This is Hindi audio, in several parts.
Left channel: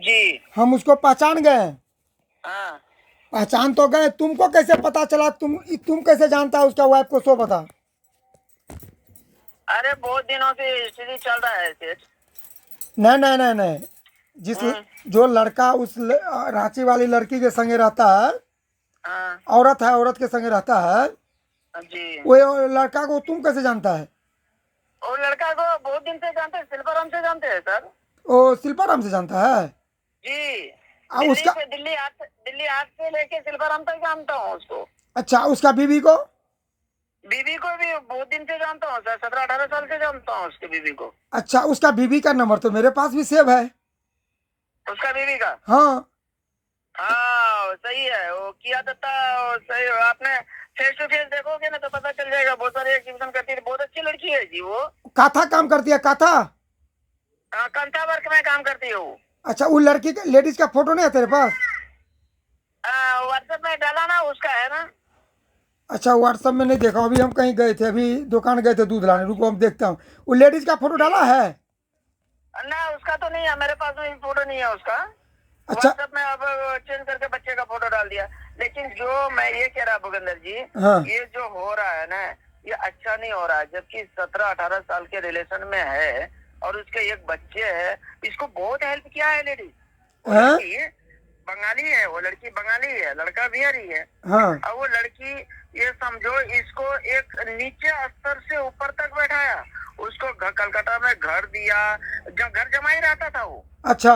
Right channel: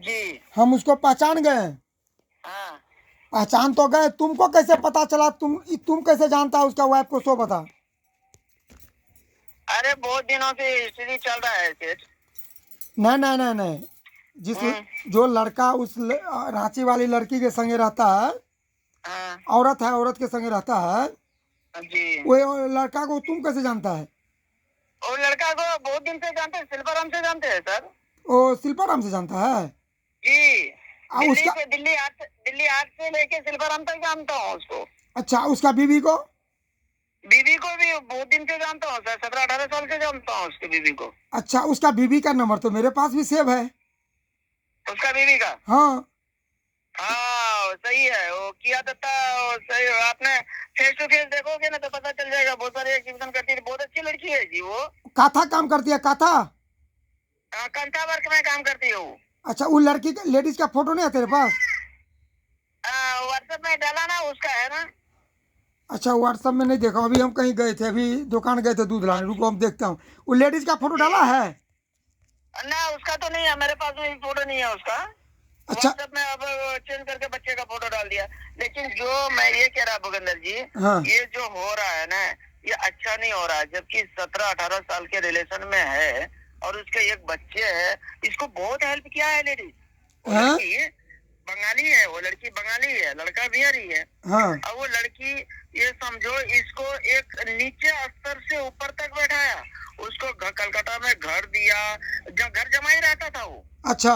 जी। हम उसको पहचान गए। हाँ। पहचान तो गए, तुमको कैसे पता चला? तुम कैसे जानता है उसका वाइफ को? सो बता। अरे बहुत दिनों की स्थिति चल रहा है सेठ। नहीं नहीं नहीं नहीं, जिस हम्म। जो लड़का उस रांची वाली लड़की के संगे रहता है, हाँ। औरत है, औरत के संगे रहता है, जी। वो लड़का को तुम कैसे जानता है? और लड़का को बहुत दिन से जानते हैं, शिल्पाराम से जानते हैं सर। वो शिल्पाराम से जानता है? जी। उसका, दिल्ली 8 से लेके शिल्पाराम तक जानता हूँ उसको। अच्छा, उसका बीवी को? बीवी को भी बहुत दिन से जानता हूँ सर, 17-18 साल से जानता हूँ उसकी बीवी को। अच्छा, उसका बीवी का नंबर तो मेरे पास भी सेव है। उसका बीवी का। हाँ। हाँ सही है, वो किया दत्ता। सही, आपने फेस टू फेस देखोगे ना तो पता चल जाएगा। बहुत सारे एग्जीबिशन करती है, बहुत अच्छी लड़की है जी वो। काथा काम करती है, काथा? कंटा वर्क में काम करती है वो। अच्छा, वो लड़की का, लेडीज का फोटो नहीं है तेरे पास? व्हाट्सएप में डाला ना, उसका है ना। अच्छा, व्हाट्सएप में नहीं देखा, अभी हम कहीं गए थे, अभी दुकान गए थे दूध लाने, रुको हम देखता हूँ। वो लेडीज का फोटो डाला जी। है? ना उसका तो नहीं है, मेरे पास में फोटो नहीं है उसका। अच्छा। व्हाट्सएप में अब चेंज करके बच्चे का फोटो डाल दिया। लेकिन जो मैं ये कह रहा भूपेंद्र जी, हाँ। ये जो हो रहा है ना, ये अच्छा नहीं हो रहा है। जबकि 17-18 साल के रिलेशन में है और उसके एक बच्चे है। इसको बहुत हेल्प किया है लेडीज। वो हाँ। लड़की बंगाली है, वो लड़की बंगाली है, लड़का बिहारी है। हाँ। अब वो लड़की, ये समझो, इसको एक नीचे स्तर से ऊपर तक बैठाया। उसको कलकत्ता में घर दिया, घर जमाई रहता था वो। अच्छा।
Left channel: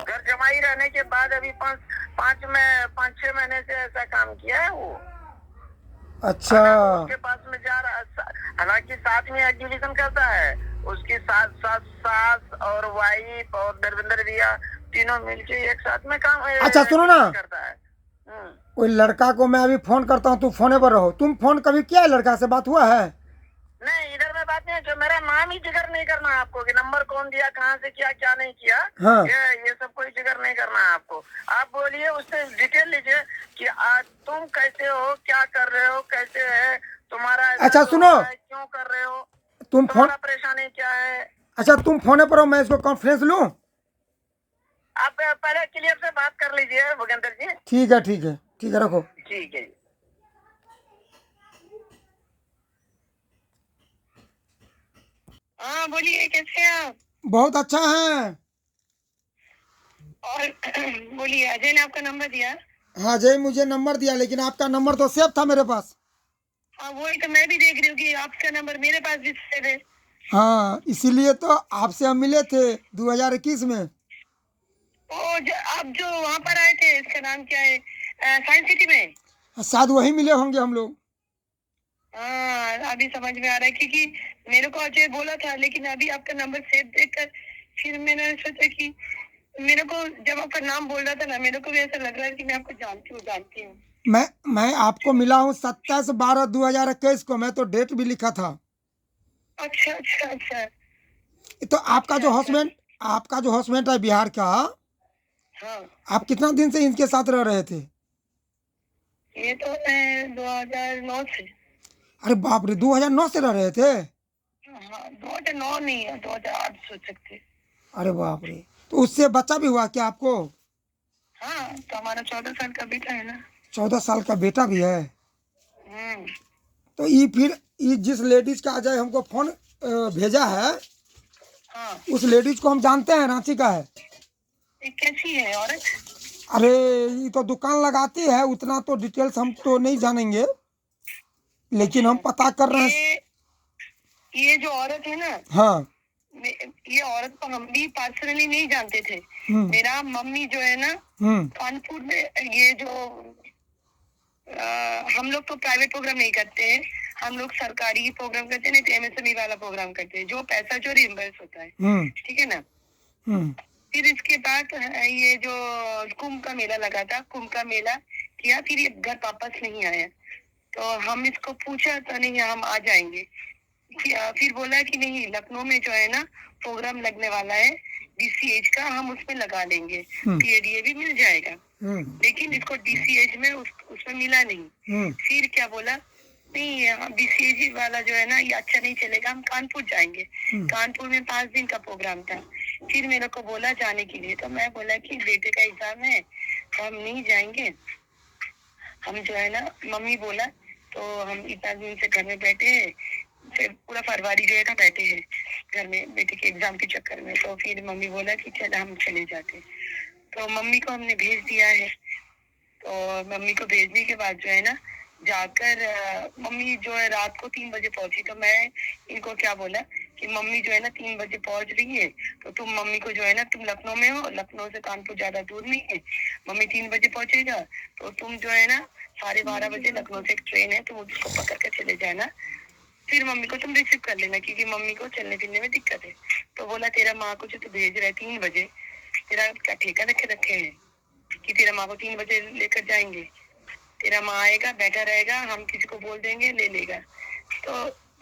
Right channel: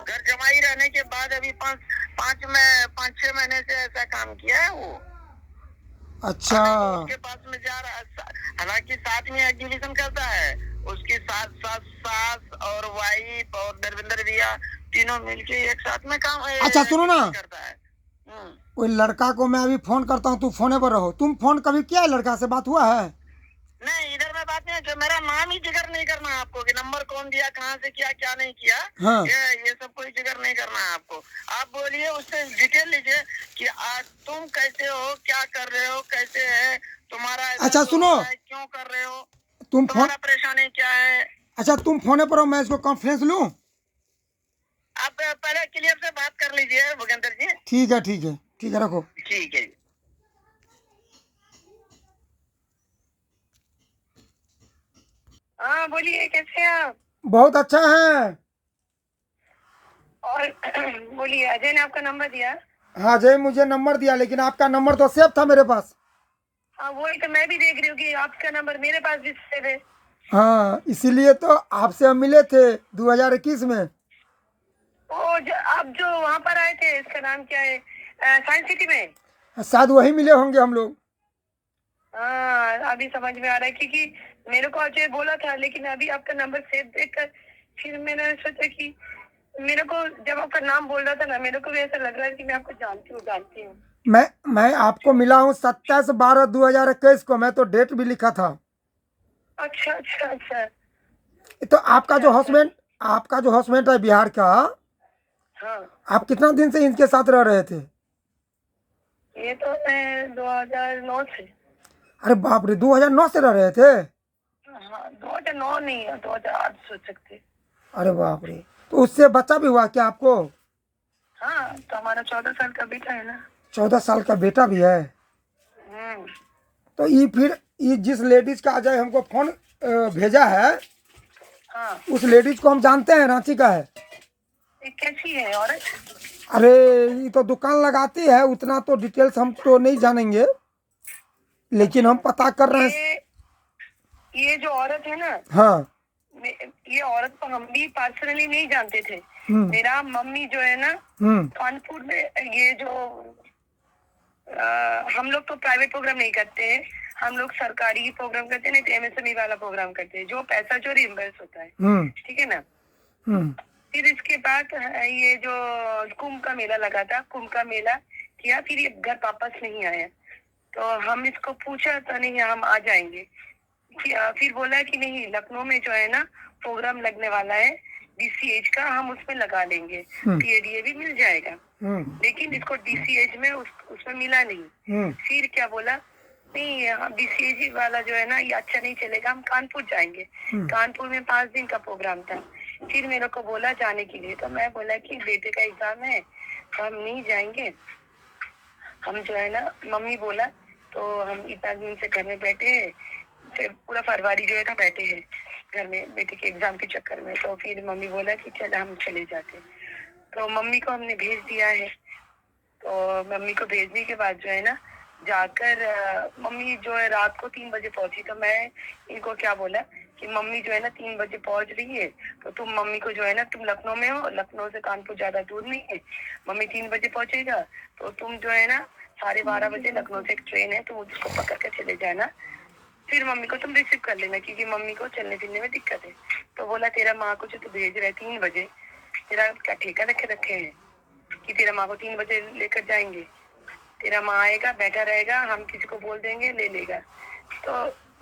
घर जमाई रहने के बाद अभी 5-6 महीने से ऐसा काम किया है वो। अच्छा। अगर वो उसके पास में जा रहा, हालांकि साथ में एग्जीबिशन करता है। उसकी सास सास सास और वाइफ और दरविंदर भैया तीनों मिलके एक साथ में काम अच्छा, सुनो ना, करता है। वो लड़का को मैं अभी फोन करता हूँ, तू फोने पर रहो। तुम फोन कभी किया है? लड़का से बात हुआ है? नहीं, इधर में बात नहीं है। जो मेरा नाम ही जिक्र नहीं करना है आपको कि नंबर कौन दिया, कहाँ से किया, क्या नहीं किया। हाँ। ये सब कोई जिक्र नहीं करना है आपको। आप बोलिए, उससे डिटेल लीजिए कि आज तुम कैसे हो, क्या कर रहे हो, कैसे है तुम्हारा ऐसा अच्छा जो सुनो, हो रहा है, क्यों कर रहे हो, तुम फोन, तुम्हारा परेशानी क्या है। अच्छा तुम फोने पर हो, मैं इसको कॉन्फ्रेंस लूँ? आप पहले क्लियर से बात कर लीजिए भूपेंद्र जी। ठीक है, ठीक है, ठीक है, रखो। ठीक है। हाँ बोलिए, कैसे हैं आप? बहुत अच्छा है। और बोलिए, अजय ने आपका नंबर दिया? हाँ, जय मुझे नंबर दिया, लेकिन आपका नंबर तो सेव था मेरे पास। हाँ वही तो मैं भी देख रही हूँ कि आपका नंबर मेरे पास भी सेव है। हाँ, इसीलिए तो आपसे हम मिले थे 2021 में। आप जो वहाँ पर आए थे, इसका नाम क्या है, साइंस सिटी में? शायद वही मिले होंगे हम लोग। हाँ अभी समझ में आ रहा है, क्योंकि मेरे को अजय बोला था, लेकिन अभी आपका नंबर सेव देखकर फिर मैंने सोचा कि मेरे को, जब आपका नाम बोल रहा था ना, मेरे को भी ऐसा लग रहा है कि मैं आपको जानती हूँ। मैं आपको मिला हूँ 27/12/2021 को, मैं तो डेट भी लिखा था। अच्छा अच्छा अच्छा। तो अच्छा अच्छा। आपका जो हस्बैंड है बिहार का, हाँ आप कितना दिन से इनके साथ रह रहे थे? ये तो मैं 2009 से। अरे बाप रे, 2009 से रह रहे थे? हाँ 2009 नहीं है, 2008 सोच सकते। अरे बाप रे, तो उससे बच्चा भी हुआ क्या आपको? हाँ तो हमारा 14 साल का बेटा है ना। 14 साल का बेटा भी है? हम्म। तो ये जिस लेडीज का अजय हमको फोन भेजा है, हाँ उस लेडीज को हम जानते हैं, रांची का है। ये कैसी है औरत? अरे, ये तो दुकान लगाती है, उतना तो डिटेल्स हम तो नहीं जानेंगे, लेकिन हम अच्छा। पता कर रहे हैं। ये जो औरत है ना, हाँ। ये औरत को हम भी पर्सनली नहीं जानते थे। हम्म। मेरा मम्मी जो है ना, हम्म। कानपुर में, ये जो हम लोग तो प्राइवेट प्रोग्राम नहीं करते हैं, हम लोग सरकारी प्रोग्राम करते हैं, नहीं तो एमएसएमई वाला प्रोग्राम करते हैं, जो पैसा जो रिम्बर्स होता है। हम्म। ठीक है ना। हम्म। फिर इसके बाद ये जो कुंभ का मेला लगा था, कुंभ का मेला किया, फिर ये घर वापस नहीं आया। तो हम इसको पूछा तो नहीं, हम आ जाएंगे। फिर बोला कि नहीं, लखनऊ में जो है ना प्रोग्राम लगने वाला है डीसीएच का, हम उसमें लगा लेंगे, पीएडीए भी मिल जाएगा। लेकिन इसको डीसीएच में उसमें मिला नहीं। फिर क्या बोला, नहीं डीसीएच वाला जो है ना, ये अच्छा नहीं चलेगा, हम कानपुर जाएंगे। कानपुर में 5 दिन का प्रोग्राम था। फिर मेरे को बोला जाने के लिए, तो मैं बोला कि बेटे का एग्जाम है तो हम नहीं जाएंगे। हम जो है ना, मम्मी बोला, तो हम इतना दिन से घर में बैठे हैं, फिर पूरा फरवरी जो है ना बैठे हैं घर में बेटे के एग्जाम के चक्कर में। तो फिर मम्मी बोला कि चल हम चले जाते। तो मम्मी को हमने भेज दिया है। तो मम्मी को भेजने के बाद जो है ना, जाकर मम्मी जो है रात को 3 बजे पहुंची। तो मैं इनको क्या बोला कि मम्मी जो है ना 3 बजे पहुंच रही है, तो तुम मम्मी को जो है ना, तुम लखनऊ में हो, लखनऊ से कानपुर ज्यादा दूर नहीं है, मम्मी 3 बजे पहुंचेगा, तो तुम जो है ना 12:30 बजे लखनऊ से एक ट्रेन है, तुम उसको पकड़ कर चले जाना। फिर मम्मी को तुम रिसीव कर लेना, क्योंकि मम्मी को चलने फिरने में दिक्कत है। तो बोला तेरा माँ को जो तू भेज रहा है 3 बजे, तेरा क्या ठेका रखे हैं कि तेरा माँ को 3 बजे लेकर जाएंगे? तेरा माँ आएगा, बैठा रहेगा, हम किसी को बोल देंगे, ले लेगा। तो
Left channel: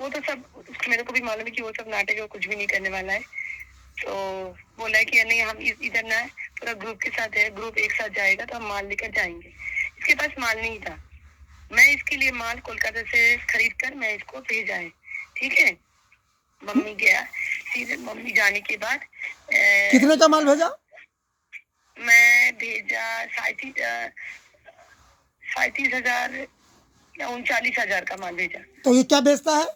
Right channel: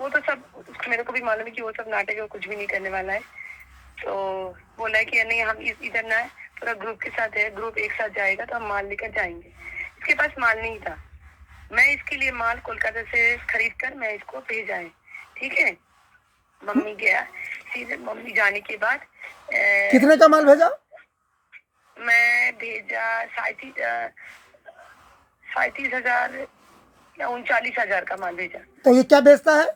वो तो सब मेरे को भी मालूम है कि वो सब नाटक है, वो कुछ भी नहीं करने वाला है। तो बोला है कि नहीं, हम इधर ना पूरा ग्रुप के साथ है, ग्रुप एक साथ जाएगा तो हम माल लेकर जाएंगे। इसके पास माल नहीं था, मैं इसके लिए माल कोलकाता से खरीद कर मैं इसको भेजा है। ठीक है, मम्मी गया। फिर मम्मी जाने के बाद कितने का माल भेजा? मैं भेजा 37,000 या 39,000 का माल भेजा। तो ये क्या बेचता है?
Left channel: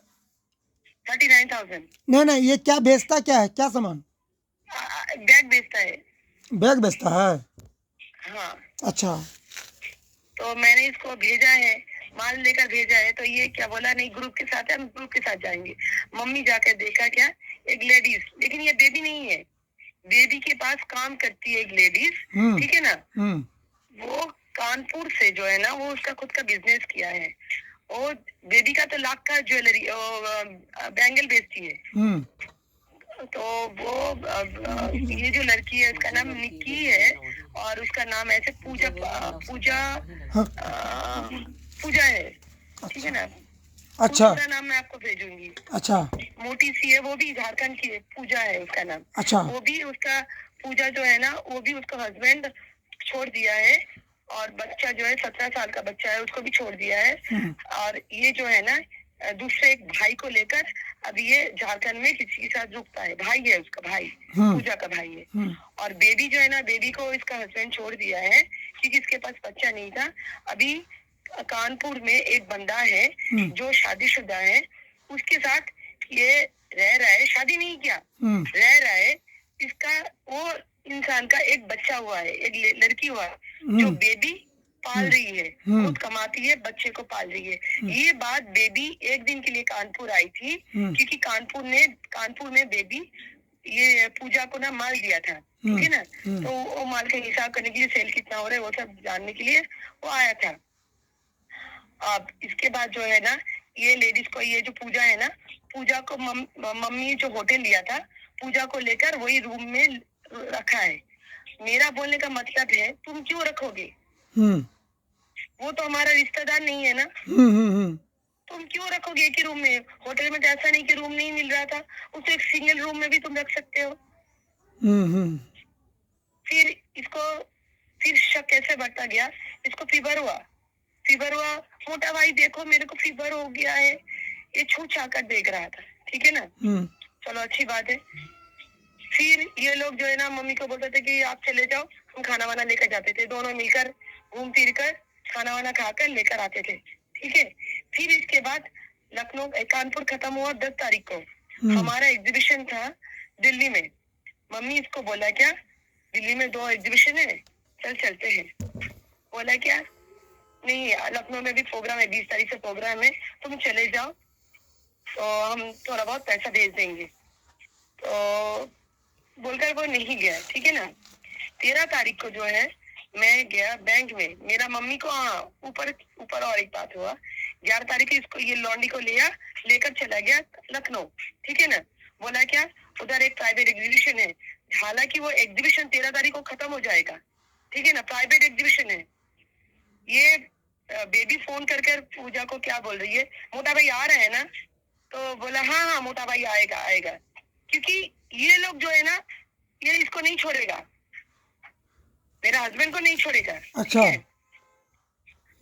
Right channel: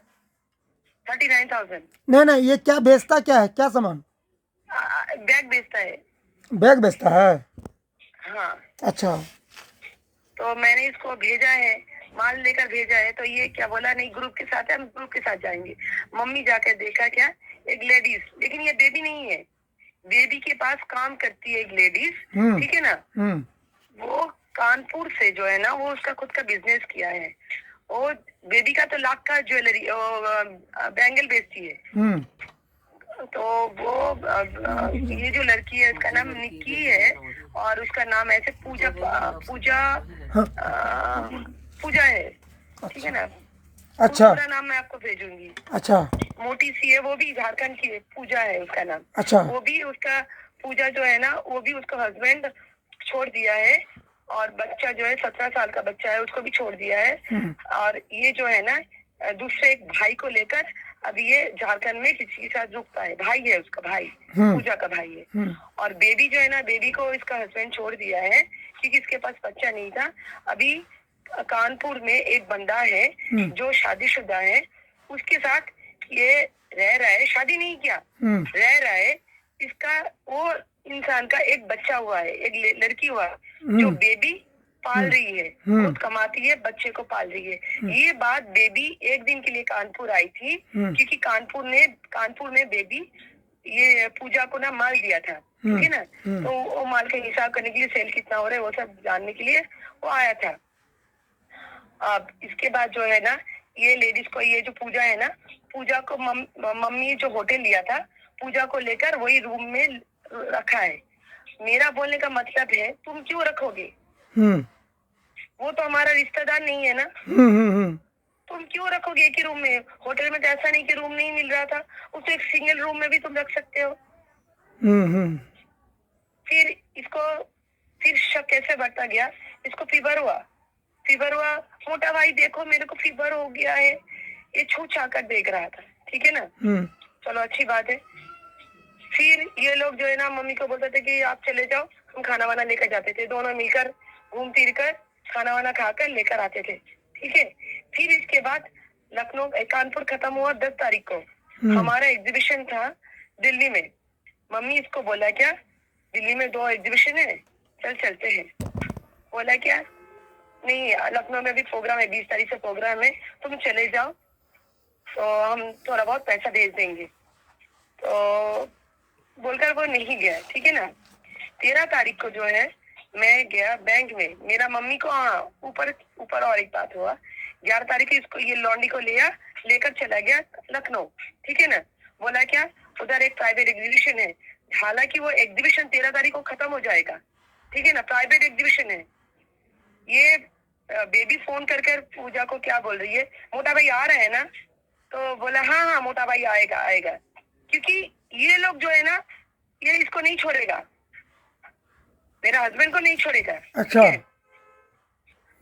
39,000। नहीं नहीं, ये क्या बेचता क्या है, क्या सामान? बैग बेचता है। बैग बेचता है? हाँ, अच्छा। तो मैंने इसको भेजा है, माल लेकर भेजा है। तो ये क्या बोला, नहीं ग्रुप के साथ है, हम ग्रुप के साथ जाएंगे। मम्मी जाकर देखा क्या, एक लेडीज, लेकिन ये बेबी नहीं है, बेबी के पास काम करती है एक लेडीज। ठीक है ना, वो कानपुर से जो है ना, वो उसका खुद का बिजनेस किया है। वो बेबी का तो लाख का ज्वेलरी बैंगल बेचती है। तो वो ये जो लड़की है, उसका नाम निक्की है, और उसका नाम ऐसे पूजा पूजा पूजा है। ठीक है ना, अच्छा पूरा नाम मैं आपको भेजूंगी। अच्छा मोटी सी है, वो भी झारखंड की है, पूजा है उसका नाम। अच्छा। वो भी उसका पूजा जो है ना, वो भी उसका हस्बैंड छोड़ दिया है, और बच्चा जो है 17 साल का बच्चा है, उसको भी छोड़ दिया है। और ये जो है ना, दूसरे एक भाई को लेकर अभी ये झारखंड में किसी के साथ रुकता है। भाई है उसका, भाई पूजा का भाई है। और बेबी जो है ना, बेबी को इसका हस्बैंड छोड़ दिया है, क्योंकि इसके पास बच्चा नहीं था। अभी कानपुर में एक बंदा है जो शादीशुदा है, उसके साथ ये रह रहा है, शादी नहीं किया, रह रहा है। इसका वो इंसान का एक बच्चा हुआ है, एक लड़की हुआ है, जो बेबी पाल रही है, खुद कमाती है, बच्चे को पाल रही है। ये बात बेबी एक दिन के लिए कानपुर आई थी, क्योंकि कानपुर में बेबी ये पूजा को ना माल दिया था। ठीक है ना, तो वो माल का हिसाब करने के लिए, सेल कितना हो रहा है वो सब जानने के लिए वो आया था। अब इसके बाद जो है ना, ये लेडीज को, ये जो पूजा है ना, पूजा को मम्मी जो होटल लिया था, पूजा को लेकर वही रूम में रखा है। मेरा बोलने का मतलब है, तुम क्यों रखोगे? वो तो हमारा रिश्तेदार नहीं है ना, तुम क्यों रखोगे एक ही रूम में? होटल में तो ऐसा नहीं कि रूम नहीं मिल रहा था, उसे एक सिंगल रूम में भी तुम रख सकते हो। फिर इसको फिर शक कैसे बढ़ता गया, इसको फीवर हुआ। मोटा भाई देखो मेरे को फीवर हो गया है, ये छू छा कर देख रहा था। ठीक है ना, चलो अच्छी बात है। फिर ये लोग जो है ना, मम्मी को बोलते थे कि आप चले जाओ, हम खाना वाना लेकर जाते थे, दोनों मिलकर घूम फिर कर खाना वाना खाकर लेकर आते थे। ठीक है, फिर इसके बाद लखनऊ कानपुर खत्म हुआ 10 तारीख को। हमारा एग्जीबिशन था दिल्ली में। मम्मी इसको बोला क्या, दिल्ली में 2 एग्जीबिशन है, चल चलते हैं। बोला क्या, नहीं लखनऊ में भी प्रोग्राम है, 20 तारीख से प्रोग्राम है, तुम चले जाओ, तो हम थोड़ा बहुत पैसा भेज देंगे। तो बोलकर वो नहीं गया। ठीक है ना, 13 तारीख को जो है मैं गया बैंक में, मेरा मम्मी को ऊपर और एक बात हुआ। 11 तारीख को इसको ये लॉन्डी को लेकर चला गया लखनऊ। ठीक है ना, बोला क्या, उधर एक प्राइवेट एग्जीबिशन है, हालांकि वो एग्जीबिशन 13 तारीख को खत्म हो जाएगा। ठीक है ना, प्राइवेट एग्जीबिशन है। ये बेबी फोन कर पूजा को क्या बोल रही है, मोटा भाई आ रहे हैं ना? तो बोला हाँ मोटा भाई आएगा, क्योंकि ये लोग जो है ना, ये इसको नहीं छोड़ेगा, मेरा हस्बैंड को नहीं छोड़ेगा। अच्छा।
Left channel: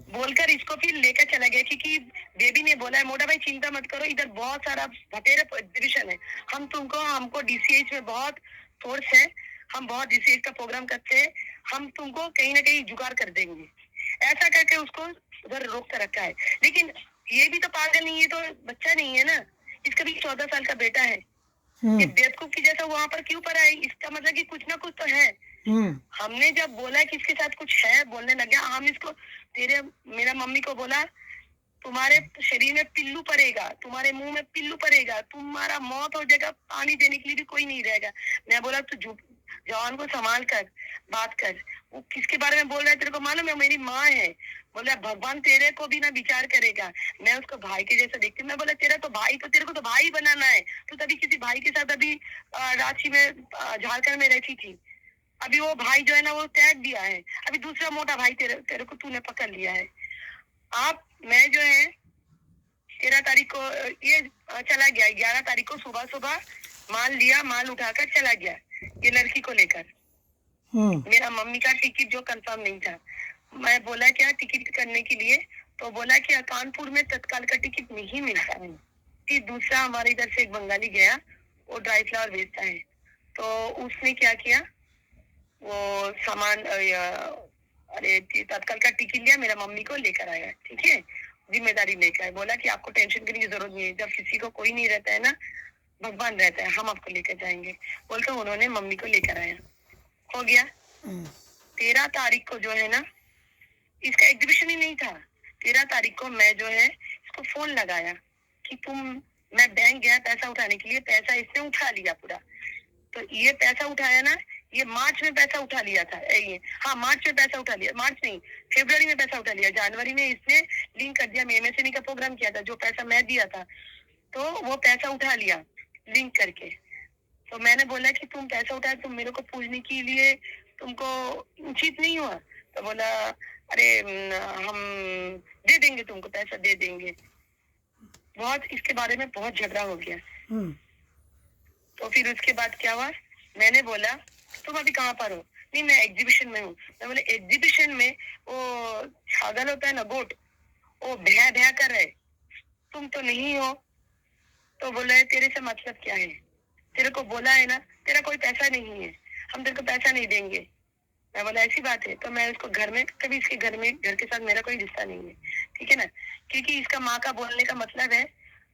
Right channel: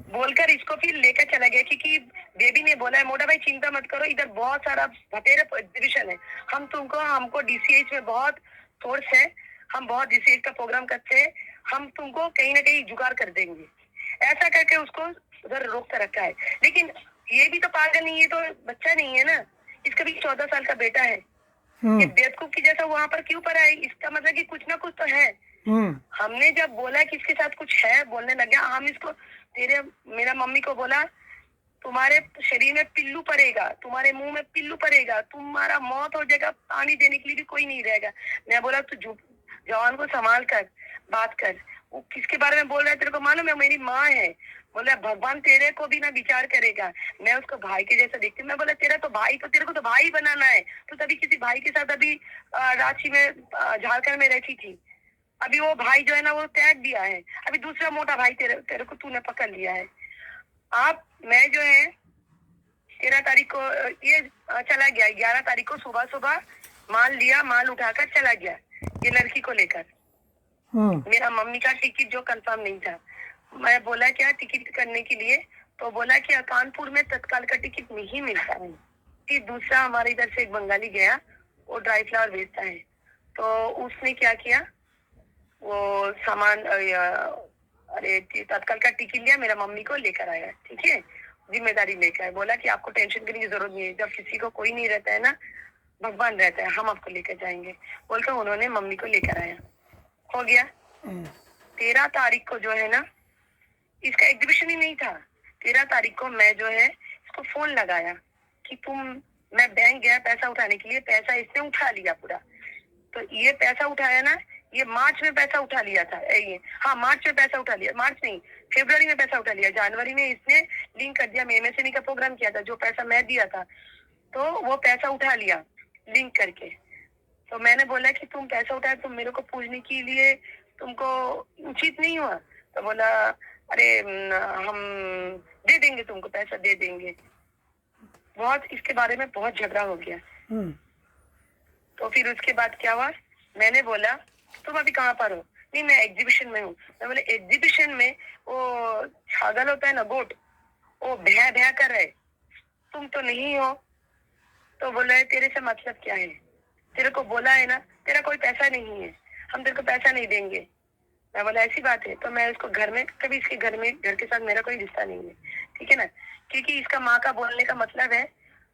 बोलकर इसको फिर लेकर चला गया, क्योंकि बेबी ने बोला है मोटा भाई चिंता मत करो, इधर बहुत सारा बतेरे एग्जीबिशन है, हमको DCH में बहुत सोर्स है, हम बहुत रिसर्च का प्रोग्राम करते हैं, हम तुमको कहीं ना कहीं जुगाड़ कर देंगे, ऐसा करके उसको उधर रोक कर रखा है। लेकिन ये भी तो पागल नहीं है, तो बच्चा नहीं है ना, इसका भी 14 साल का बेटा है, ये हम्म बेवकूफ की जैसा वहां पर क्यों पर आई, इसका मतलब कि कुछ ना कुछ तो है। हम्म हमने जब बोला कि इसके साथ कुछ है, बोलने लग गया, हम इसको मेरा मम्मी को बोला तुम्हारे शरीर में पिल्लू पड़ेगा, तुम्हारे मुंह में पिल्लू पड़ेगा, तुम्हारा मौत हो जाएगा, पानी देने के लिए भी कोई नहीं रहेगा। मैं बोला तू जवान को संभाल कर बात कर, वो किसके बारे में बोल रहा है, तेरे को मालूम है मेरी माँ है। बोला भगवान तेरे को भी ना विचार करेगा, मैं उसको भाई के जैसा देखती हूँ। मैं बोला तेरा तो भाई, तो तेरे को तो भाई बनाना है, तो तभी किसी भाई के साथ अभी रांची में झारखंड में रहती थी, अभी वो भाई जो है ना वो त्याग दिया है, अभी दूसरा मोटा भाई तेरे को तूने पकड़ लिया है। आप मैं जो है 13 तारीख को ये चला गया, 11 तारीख को सुबह सुबह माल लिया, माल उठाकर चला गया ये लड़की को लेकर। मेरा मम्मी का टिकट जो कंफर्म नहीं था, मैं बोला क्या टिकट करने के लिए, तो बोला कि कानपुर में तत्काल का टिकट नहीं मिलता है। फिर दूसरा हमारे इधर से एक बंगाली गया, वो ड्राई फ्लावर बेचता है, तो उसने क्या किया, वो सामान अरे तत्काल का टिकट लिया, मेरा मम्मी को लेकर आया, ठीक है, जिम्मेदारी लेकर आया, बोला कि आपको टेंशन करने की जरूरत नहीं है, जब किसी को कोई नहीं रहता है ना, भगवान रहता है, हम आपको लेकर जाएंगे, बोलकर उन्होंने मम्मी को लेकर आया। हो गया 13 तारीख को जो है ना, इसका एग्जीबिशन ही नहीं था। 13 तारीख को मैं जो है इसको फोन लगाया कि मैं बैंक गया पैसा उठाने के लिए, पैसा इसने उठा लिया पूरा। तो ये पैसा उठाया ना, ये मार्च में पैसा उठा लिया था, ये हाँ मार्च में पैसा उठा लिया, मार्च नहीं फरवरी में पैसा उठा लिया, जनवरी में इसने लिंक कर दिया, मैं एमएसएमई का प्रोग्राम किया था, जो पैसा मैं दिया था, तो वो पैसा उठा लिया लिंक करके। तो मैंने बोला कि तुम पैसा उठाया, तुम मेरे को पूछने के लिए तुमको उचित नहीं हुआ? तो बोला अरे हम दे देंगे, तुमको पैसा दे देंगे। बहुत इसके बारे में बहुत झगड़ा हो गया। तो फिर उसके बाद क्या हुआ, मैंने बोला तुम अभी कहाँ पर हो? नहीं मैं एग्जीबिशन में हूँ। मैं बोले एग्जीबिशन में वो छागल होता है ना गोट, वो भैया भैया कर रहे, तुम तो नहीं हो। तो बोला तेरे से मतलब क्या है, तेरे को बोला है ना तेरा कोई पैसा नहीं है, हम तेरे को पैसा नहीं देंगे। मैं बोला ऐसी बात है? तो मैं इसको घर में कभी इसके घर के साथ मेरा कोई रिश्ता नहीं है, ठीक है ना, क्योंकि इसका माँ का बोलने का मतलब है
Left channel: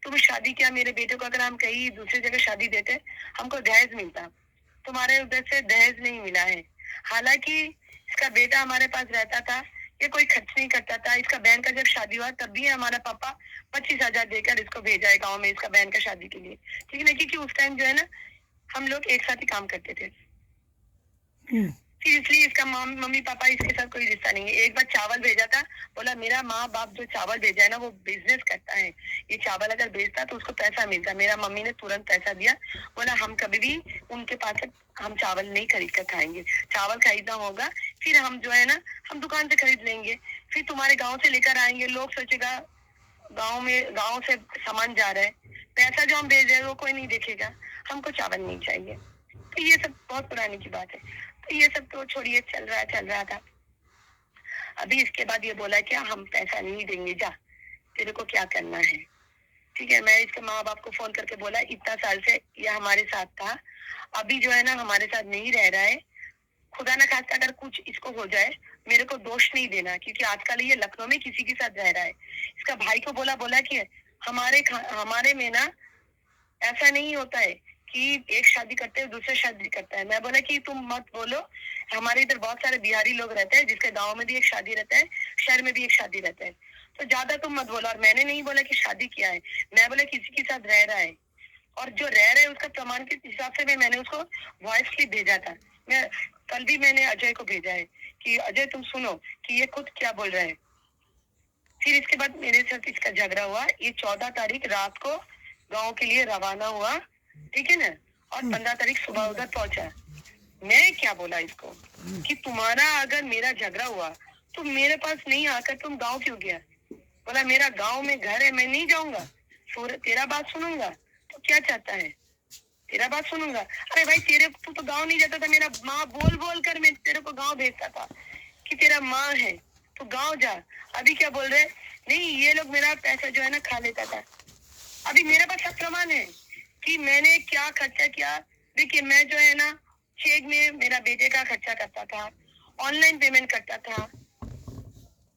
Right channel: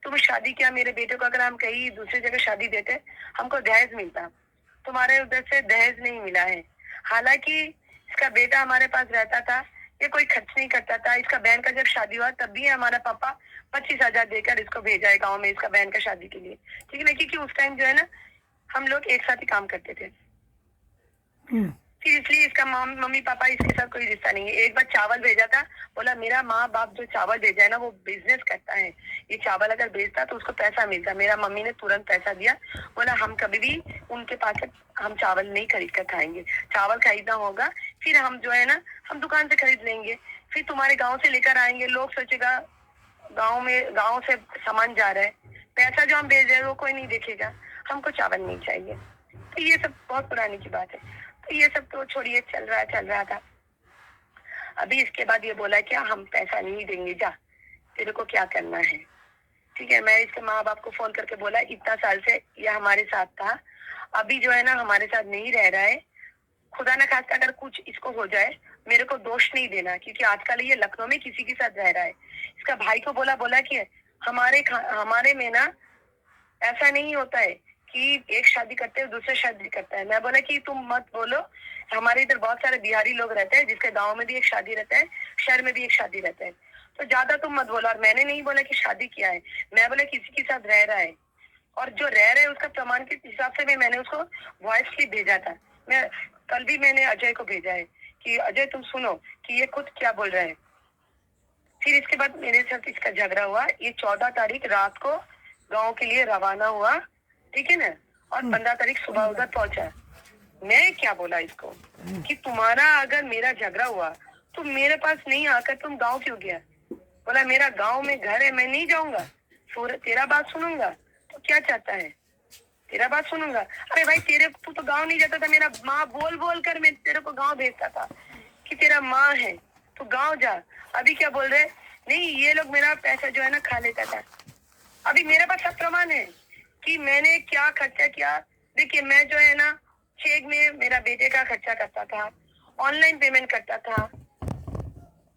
तुम शादी क्या, मेरे बेटे को अगर हम कहीं दूसरी जगह शादी देते हमको दहेज मिलता, तुम्हारे उधर से दहेज नहीं मिला है। हालांकि इसका बेटा हमारे पास रहता था, ये कोई खर्च नहीं करता था। इसका बहन का जब शादी हुआ तब भी हमारा पापा 25,000 देकर इसको भेजा है गाँव में इसका बहन का शादी के लिए, ठीक है ना, क्योंकि उस टाइम जो है ना हम लोग एक साथ ही काम करते थे। फिर इसलिए इसका मम्मी पापा इसके साथ कोई रिश्ता नहीं है। एक बार चावल भेजा था, बोला मेरा माँ बाप जो चावल भेजा है ना वो बिजनेस करता है, ये चावल अगर बेचता तो उसको पैसा मिलता। मेरा मम्मी ने तुरंत पैसा दिया, बोला हम कभी भी उनके पास से हम चावल नहीं खरीद कर खाएंगे, चावल खरीदना होगा फिर हम जो है ना हम दुकान से खरीद लेंगे, फिर तुम्हारे गाँव से लेकर आएंगे, लोग सोचेगा गाँव से सामान जा रहा है, पैसा जो हम भेज रहे हैं वो कोई नहीं देखेगा, हमको चावल नहीं चाहिए। तो ये सब बहुत पुरानी की बात है। तो ये सब तो छोड़िए, चल रहा था। अभी इसके बाद ये बोला क्या हम पैसा नहीं देंगे, जा तेरे को क्या करना है, ठीक है। मैं इसके माँ बाप को फोन करके बोला इतना साल से ये हमारे साथ था, अभी जो है ना हमारे साथ नहीं रह रहा है, खुदा ना खास्ता अगर कुछ इसको हो जाए मेरे को दोष नहीं देना, क्योंकि आजकल ये लखनऊ में किसी के साथ रह रहा है। इसका भाई को बोला कि हमारे में ना ऐसा नहीं होता है कि एक शादी करते हैं दूसरा शादी करता है। मैं बोला कि तुम मत बोलो, हमारे इधर बहुत सारे बिहारी लोग रहते हैं जिसके गांव में भी एक शादी रहता है, शहर में भी एक शादी रहता है, तो ज्यादा तुम मत बोलो। और मैंने नहीं बोला कि शादी किया है, मैं बोला किसी के साथ रह रहा है, और जो रह रहे हैं उसका प्रमाण के हिसाब से मैंने उसको वॉइस क्लिप भेजा था। मैं कल भी मैंने अजय को भेजा है कि अजय तुम सुनो कि ये खुद क्या बोल रहा है। फिर इसके बाद मेरे साथ इसका झगड़ा हुआ, ये 14 तारीख रात को गांव के लिए रवाना हुआ, ठीक है ना, और 15 तारीख सुबह उधर पहुंचा। मैं क्या बोला इसको कि तुम्हारा अगर मेरा झगड़ा हुआ तो मेरे पास नहीं आकर तुम गांव क्यों गया? बोला मेरा गांव में घर है, मैं नहीं जाऊंगा, तेरा बात सुनूंगा। तो क्या चाहता है, तेरा बात सुनूंगा? अरे भाई तू तो गांव नहीं जाता था, मेरा माँ बोल बोल कर मैं तेरे को गांव भेजता था कि तेरा माँ है तो गांव जा। अभी क्या बोल रहे, नहीं ये लोग मेरा पैसा जो है ना खा लेता था। अभी मेरे पास सब प्रमाण है कि मैंने क्या खर्चा किया। देखिए मैं जो है ना चेक में मेरा बेटे का खर्चा करता था, ऑनलाइन पेमेंट करता था।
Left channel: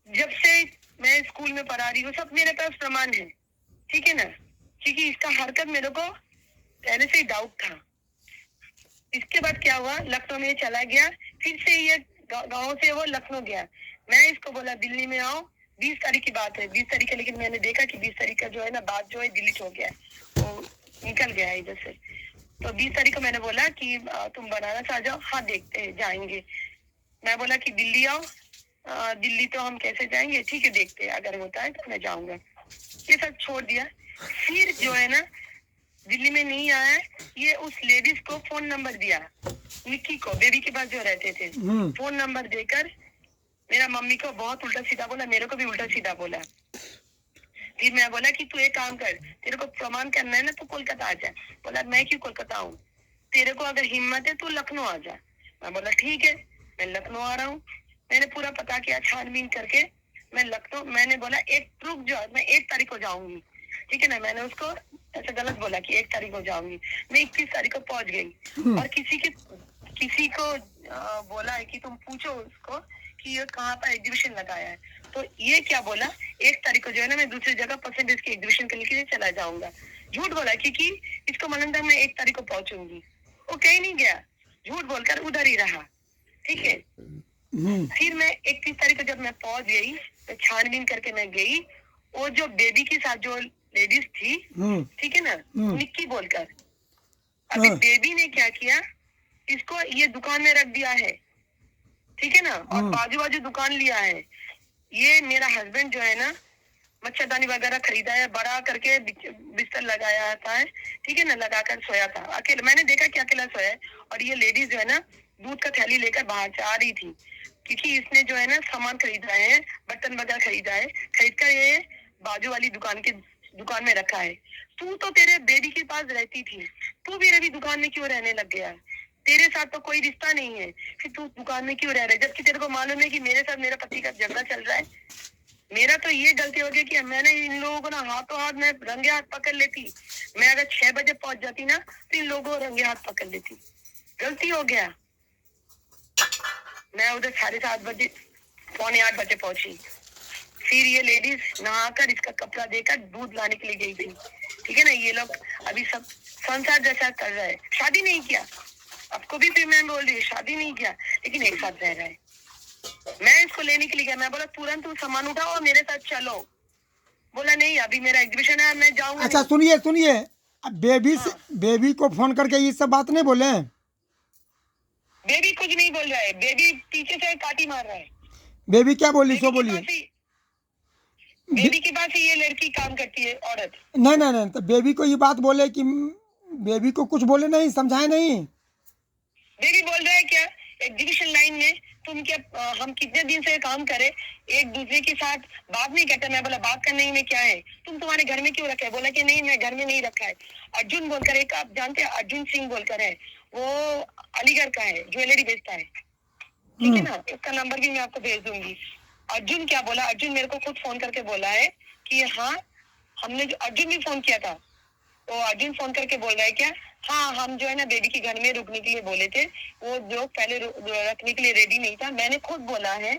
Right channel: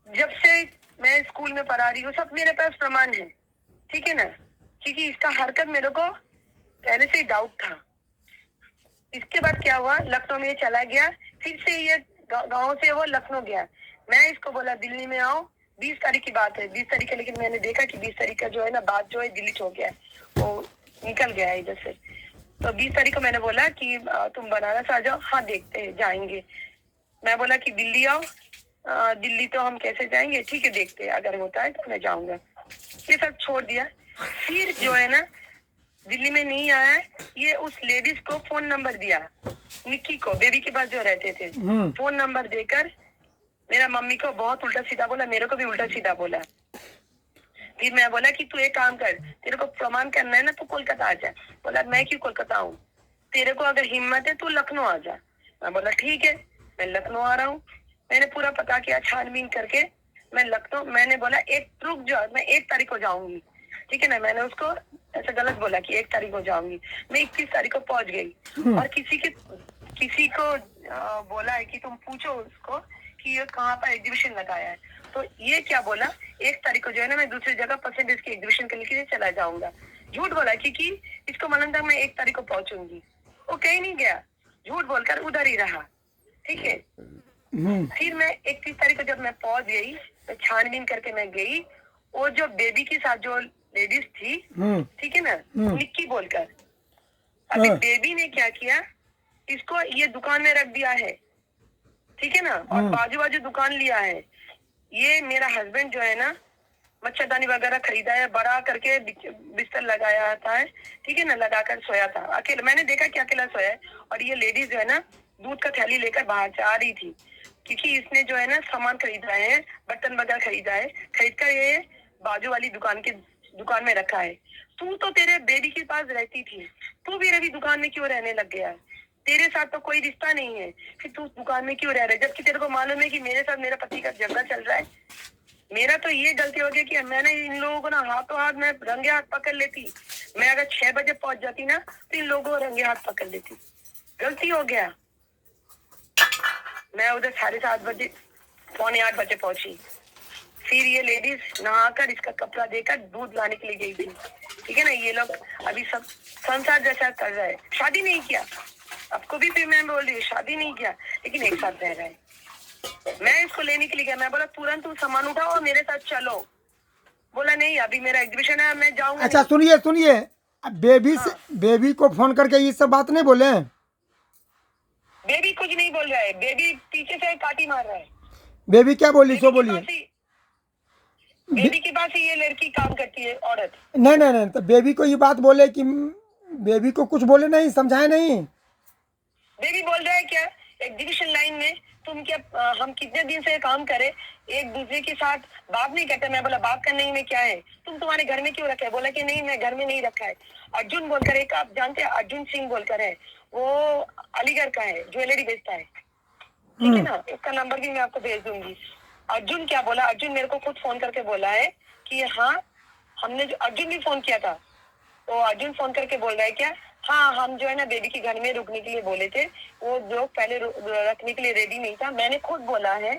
जब से मैं स्कूल में पढ़ा रही हूँ, सब मेरे पास प्रमाण है, ठीक है ना, क्योंकि इसका हरकत मेरे को पहले से ही डाउट था। इसके बाद क्या हुआ, लखनऊ में चला गया, फिर से ये गांव से वो लखनऊ गया। मैं इसको बोला दिल्ली में आओ, 20 तारीख की बात है, 20 तारीख है, लेकिन मैंने देखा कि 20 तारीख का जो है ना बात जो है डिलीट हो गया है, वो निकल गया है इधर से। तो 20 तारीख को मैंने बोला कि तुम बनारस आ जाओ। हाँ देखते हैं, जाएंगे। मैं बोला कि दिल्ली आओ। दिल्ली तो हम कैसे जाएंगे, ठीक है देखते हैं, अगर होता है तो मैं जाऊंगा। ये सब छोड़ दिया। फिर जो है ना दिल्ली में नहीं आया है, ये उस लेडीज को फोन नंबर दिया, निक्की को, बेबी के पास जो रहते थे, फोन नंबर देकर मेरा मम्मी को बहुत उल्टा सीधा बोला, मेरे को भी उल्टा सीधा बोला। फिर मैं बोला कि तू एक काम कर, तेरे को प्रमाण करना है ना, तू कोलकाता आ जा। बोला मैं क्यों कोलकाता आऊँ, तेरे को अगर हिम्मत है तू लखनऊ आ जा। मैं बोला ठीक है, मैं लखनऊ आ रहा हूँ। मैंने पूरा पता किया, छानबीन करके मैं लखनऊ, मैंने बोला एक रुक जाओ, मैं 1 तारीख को जाऊंगी, ठीक है ना। मैंने उसको ऐसा गलत बोला कि 1 तारीख को जाऊंगी। मैं 21 तारीख को पहुंच गई, और किसी को बोला है कि तुम पूछो उसको कि ये कहाँ पर एग्जीबिशन लगाया है। तो ये क्या बोला, 1 तारीख को जो है ना मैं दूसरी जगह परसेंटेज के एग्जीबिशन के लिए चला जाऊंगा। झूठ बोला, क्योंकि इसको मालूम था मैं 1 तारीख को पहुंचूंगी। वो कहीं नहीं गया, झूठ बोलकर उधर ही रहा, ठीक है। फिर मैं 31 तारीख को जब मैं पहुंच गई, तो छानबीन करके मैं गई, और जो बेबी के साथ जो लेडीज थी, ठीक है ना, निक्की बोलकर, अभी बेबी ने क्या किया, इसको ये दुकान में रख दिया है, ठीक है ना, और बाजू बाजू दुकान लिया है। ये मेरा हस्बैंड जो है ना मच्छरदानी वगैरह खरीदा है, बड़ा करके बिस्तर लगाया था है, ठीक है ना, लगाकर सोया था अकेला। मैंने देखा कि अकेला सोया है, और ये लेडीज जो है ना दूध का थैली लेकर बाहर से आ रही थी, क्योंकि इसने जो है ना सामान खरीदा है, बर्तन वगैरह खरीदा है, खरीद कर ये बाजू वाली दुकान में रखा है। तू तो तेरे बेबी के पास रहती थी, तू मेरे भी दुकान में क्यों रहने लग गया, तेरे साथ तो कोई रिश्ता नहीं है, फिर तू दुकान में क्यों रह रहा है, जबकि तेरे को मालूम है कि मेरे साथ मेरा पति का झगड़ा चल रहा है। मेरा तो ये गलती हो गई कि मैंने इन लोगों को ना हाथों हाथ में रंगे हाथ पकड़ लेती। मैं अगर 6 बजे पहुंच जाती ना, तो इन लोगों को रंगे हाथ पकड़ लेती। गलती हो गया। मैं उधर 7:30 बजे, 7:45 बजे पहुंची। फिर ये लेडीज नहाकर इसका कपड़ा देकर दूध लाने के लिए गई थी, ठीक है ना। ये लोग अभी सब संसार जैसा कर रहा है, शादी नहीं किया, आपको भी फिर मैं बोल रही हूँ, शादी नहीं किया, लेकिन एक साथ रह रहा है। मैं इसको लेने के लिए गया, मैं बोला तुरंत तुम सामान उठाओ और मेरे साथ चलो। बोला नहीं, अभी मेरा एग्जीबिशन है, मैं जाऊंगा। अच्छा सुनिए सुनिए, अब बेबी से बेबी को फोन करके ये सब बात नहीं बोले? बेबी कुछ नहीं बोल रहा है, बेबी पीछे से काटी मार रहा है। बेबी क्या बोली सो बोलिए। बेबी के पास ही ये लड़की काम करती है, औरत। नहीं नहीं नहीं, तो बेबी को ये बात बोले कि बेबी को कुछ बोले नहीं, समझाए नहीं? बेबी बोल रहा है क्या, एग्जीबिशन लाइन में तुम क्या, हम कितने दिन से काम करे, एक दूसरे के साथ बात नहीं करते। मैं बोला बात करने ही में क्या है, तुम तुम्हारे घर में क्यों रखा है। बोला कि नहीं मैं घर में नहीं रखा है। अर्जुन बोलकर एक, आप जानते हैं अर्जुन सिंह बोलकर है, वो अलीगढ़ का है, ज्वेलरी बेचता है, ठीक है ना। इसका नंबर भी मैं आपको भेज दूंगी। अर्जुन क्या बोला, अर्जुन मेरे को खुद फोन करके बोला है कि हाँ हमने, अर्जुन भी फोन किया था, तो अर्जुन फोन करके बोल रहा है क्या, हाँ हम जो है ना बेबी के घर में रुकने के लिए बोले थे, वो जो पहले रखने के लिए रेडी नहीं था। मैंने खुद बोला है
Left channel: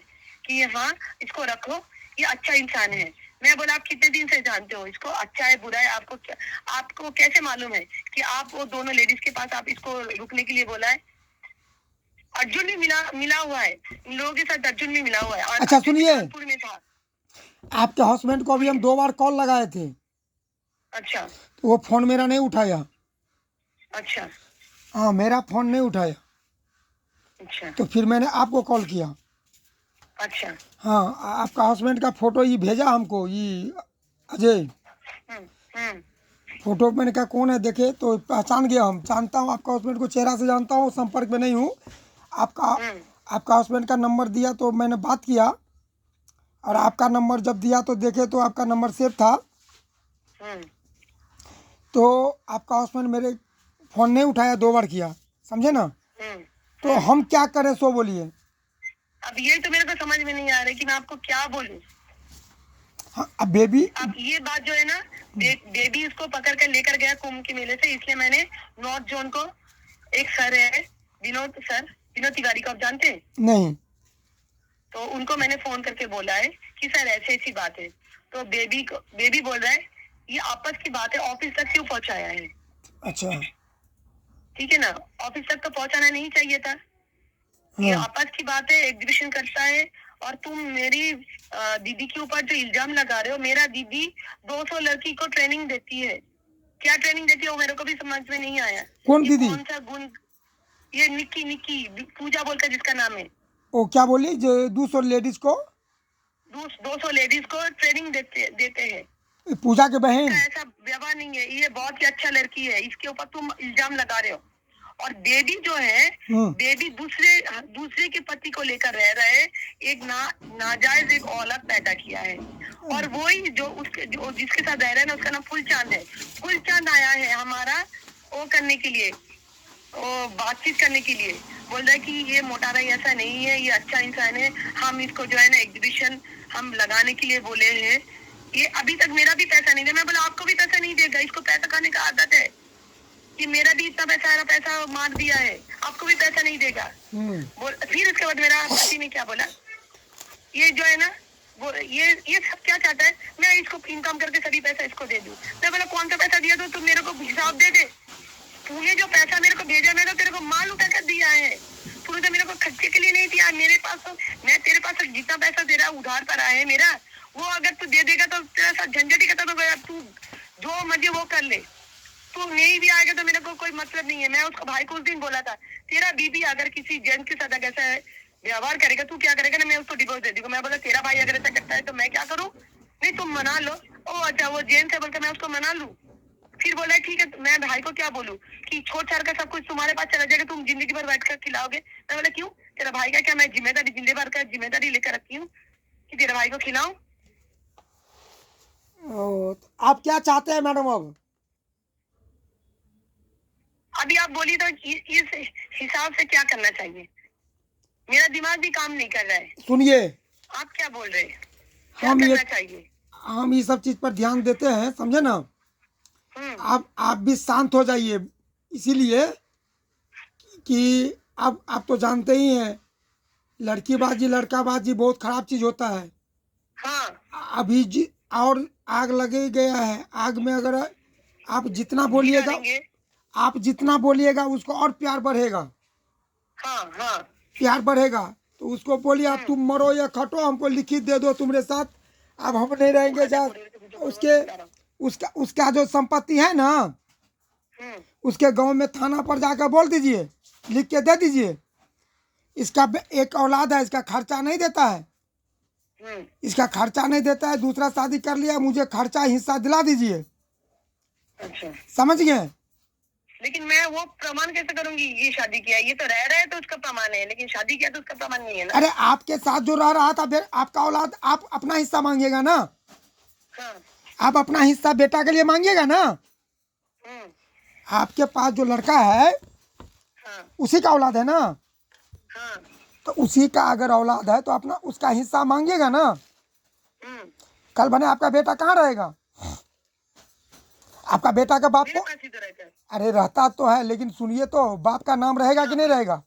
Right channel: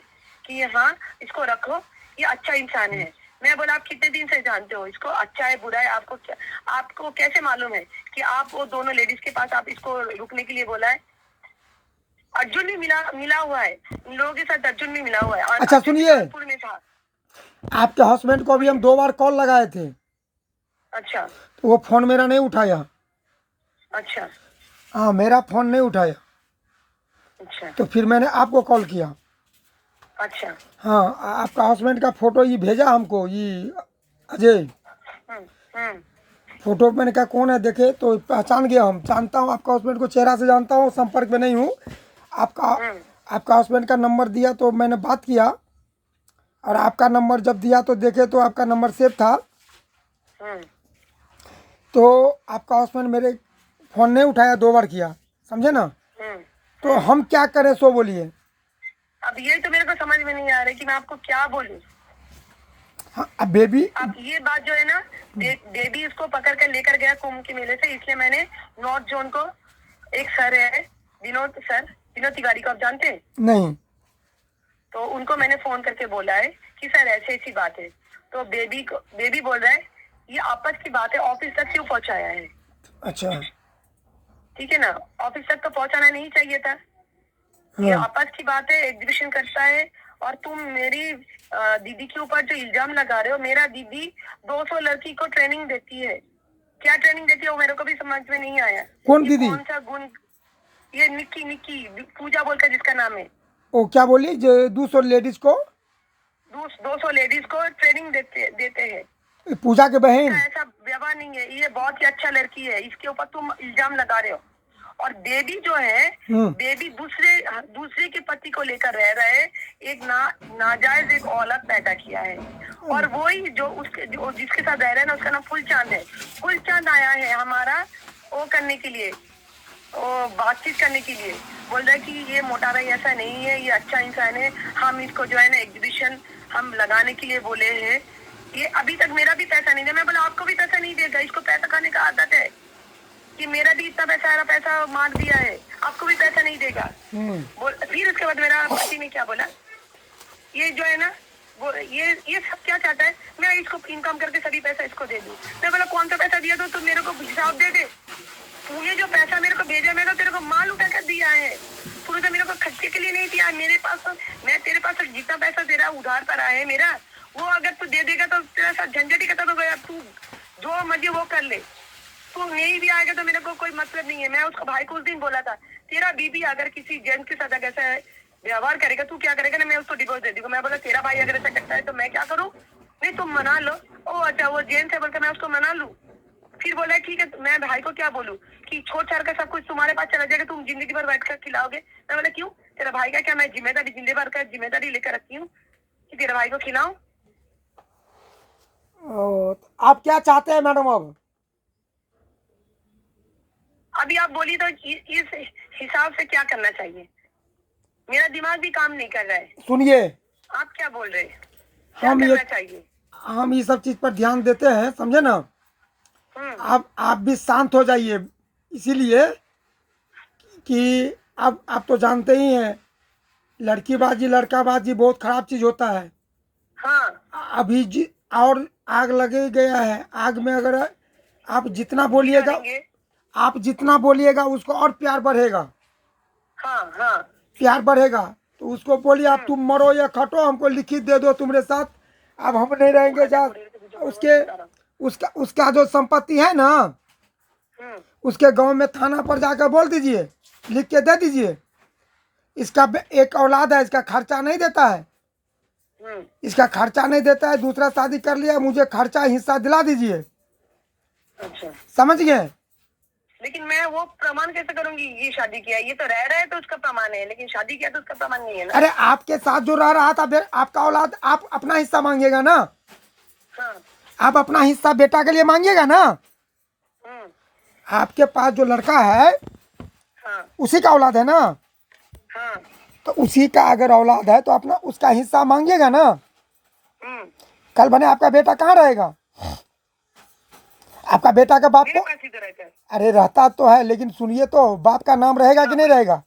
कि हाँ इसको रखो, ये अच्छा इंसान है। मैं बोला आप कितने दिन से जानते हो इसको, अच्छा है बुरा है, आपको कैसे मालूम है कि आप वो दोनों लेडीज के पास आप इसको रुकने के लिए बोला है। अर्जुन भी मिला हुआ है इन लोगों के साथ, अर्जुन भी मिला हुआ है। अच्छा सुनिए, कानपुर में था। आपके हस्बैंड को अभी हम 2 बार कॉल लगाए थे, अच्छा तो वो फोन मेरा नहीं उठाया। अच्छा हाँ मेरा फोन नहीं उठाया, अच्छा तो फिर मैंने आपको कॉल किया। अच्छा। हाँ आपका हस्बैंड का फोटो ये भेजा हमको, ये अजय, हम्म। फोटो मैंने कहा कौन है, देखे तो पहचान गया, हम जानता हूँ आपका हस्बैंड को, चेहरा से जानता हूँ, संपर्क में नहीं हूँ। आपका हस्बैंड का नंबर दिया तो मैंने बात किया, और आपका नंबर जब दिया तो देखे तो आपका नंबर सेव था, तो आपका हस्बैंड मेरे फ़ोन नहीं उठाया, 2 बार किया, समझे ना। तो हम क्या करें सो बोलिए। अब ये तो मेरे को समझ में नहीं आ रहा कि मैं आपको क्या बोलूं। हाँ अब बेबी, अब ये बात जो है ना, बेबी उसको पकड़ कर लेकर गया कुंभ के मेले से, इसलिए मैंने नॉर्थ जोन को, एक सर है विनोद सर, विनोद तिवारी को आप जानते हैं? नहीं। तो उनको मैंने फोन करके बोला है कि सर ऐसी ऐसी बात है। तो बेबी बोल रहा है ये आपस की बात है, ऑफिस तक क्यों पहुंचाया है? अच्छा। ठीक है ना, ऑफिस तक तो पहुंचाना नहीं चाहिए था। ये हाँ। आपस की बात है, एग्जीबिशन करता है। और तुम मेरी दीदी के ऊपर जो इल्जाम लगा रहे हो, मेरा दीदी 200 लड़की को ट्रेनिंग देती है। क्या ट्रेनिंग देती है वो मेरे को भी समझ में नहीं आया। कौन ये दीदी? कौन सा गुण? ये निक्की पूजा बोलकर जिसका नाम है, वो क्या बोली जो 200 लेडीज को? 200 लेडीज को ट्रेनिंग देते हैं। पूजा के बहन? इसका ऐसा व्यवहार नहीं है। ये बहुत ही अच्छा लड़की है, इसके ऊपर तुम इल्जाम लगा रहे हो। और बेबी जो है, बेबी दूसरे के पति को लेकर रह रहा है। एक नाजायज एक औलाद पैदा किया है। और वही जो जिसके साथ रह रहा है ना, उसका नाम फुलचांद है। फुलचांद आया है हमारा वो करने के लिए, वो बातचीत करने के लिए। बोल रहा है कि ये मोटा भाई ऐसा नहीं है, ये अच्छा इंसान है, हम इसको जो है ना एग्जीबिशन हम लगाने के लिए बोले हैं। ये अभी तक मेरा भी पैसा नहीं दिया। मैं बोला आपको भी पैसा नहीं देगा, इसको पैसा खाने का आदत है कि मेरा भी इतना पैसा मार दिया है, आपको भी पैसा नहीं देगा। फिर उसके बाद मेरा पति ने क्या बोला, ये जो है ना वो ये सब क्या चाहता है, मैं इसको इनकम करके सभी पैसा इसको दे दूं। मैं बोला कौन सा पैसा दिया? तो मेरे को हिसाब दे दे। तूने जो पैसा मेरे को भेजा, मैंने तेरे को माल उठा कर दिया है। तूने तो मेरे को खर्चे के लिए नहीं दिया। मेरे पास तो, मैं तेरे पास जितना पैसा तेरा उधार पर आया है मेरा, वो अगर तू दे देगा तो तेरा साथ झंझट ही खत्म हो गया। तू जो मर्जी वो कर ले, तू नहीं भी आएगा तो मेरे को कोई मतलब नहीं है। मैं उसको भाई को उस दिन बोला था, तेरा बीबी अगर किसी जेंट्स के साथ ऐसा व्यवहार करेगा, तू क्या करेगा ना, मैं उसको डिवोर्स दे दूंगा। मैं बोला तेरा भाई अगर ऐसा करता है तो मैं क्या करूँ? नहीं तुम मना लो। ओ अच्छा वो जेंट्स है बोलकर मैं उसको मना लूं? फिर बोला ठीक है, मैं भाई को क्या बोलूं कि छोड़ छाड़ का सब कुछ तुम्हारे पास चला जाएगा, तुम जिंदगी भर बैठ कर खिलाओगे। मैं बोला क्यों, तेरा भाई का क्या मैं जिम्मेदारी लेकर रखी हूँ कि तेरे भाई को खिलाऊं। आप क्या चाहते हैं मैडम अब? अभी आप बोली तो इस हिसाब से क्या करना चाहिए? मेरा दिमाग भी काम नहीं कर रहा है। सुनिए, आप क्या बोल रहे हैं, क्या हम करना चाहिए? हम ये सब चीज पर ध्यान देते हैं, समझे ना। आप भी शांत हो जाइए, इसीलिए कि अब आप तो जानते ही हैं लड़कीबाजी लड़काबाजी बहुत खराब चीज होता है। हाँ अभी और आग लगे गया है, आग में अगर आप जितना बोलिएगा, आप जितना बोलिएगा उसको और प्यार बढ़ेगा। हाँ हाँ प्यार बढ़ेगा तो उसको बोलिए आप तुम मरो या खटो, हमको लिखित दे दो तुम्हारे साथ, अब हम नहीं रहेंगे जा। उसके उसका जो संपत्ति है ना, उसके गांव में थाना पर जाकर बोल दीजिए, लिख के दे दीजिए। इसका एक औलाद है, इसका खर्चा नहीं देता है, इसका खर्चा नहीं देता है, दूसरा शादी कर लिया, मुझे खर्चा हिस्सा दिला दीजिए। अच्छा समझ गए? लेकिन मैं वो प्रमाण कैसे करूंगी? ये शादी किया, ये तो रह रहा है तो उसका प्रमाण है, लेकिन शादी किया तो उसका प्रमाण नहीं है ना। अरे आपके साथ जो रह रहा था फिर आपका औलाद, आप अपना हिस्सा मांगिएगा ना। हाँ आप अपना हिस्सा बेटा के लिए मांगिएगा ना। आपके पास जो लड़का है हाँ उसी का औलाद है ना, हाँ तो उसी का अगर औलाद है तो अपना उसका हिस्सा मांगिएगा ना। कल बने आपका बेटा कहाँ रहेगा? आपका बेटा का बाप को, अरे रहता तो है, लेकिन सुनिए तो बाप का नाम रहेगा कि नहीं रहेगा?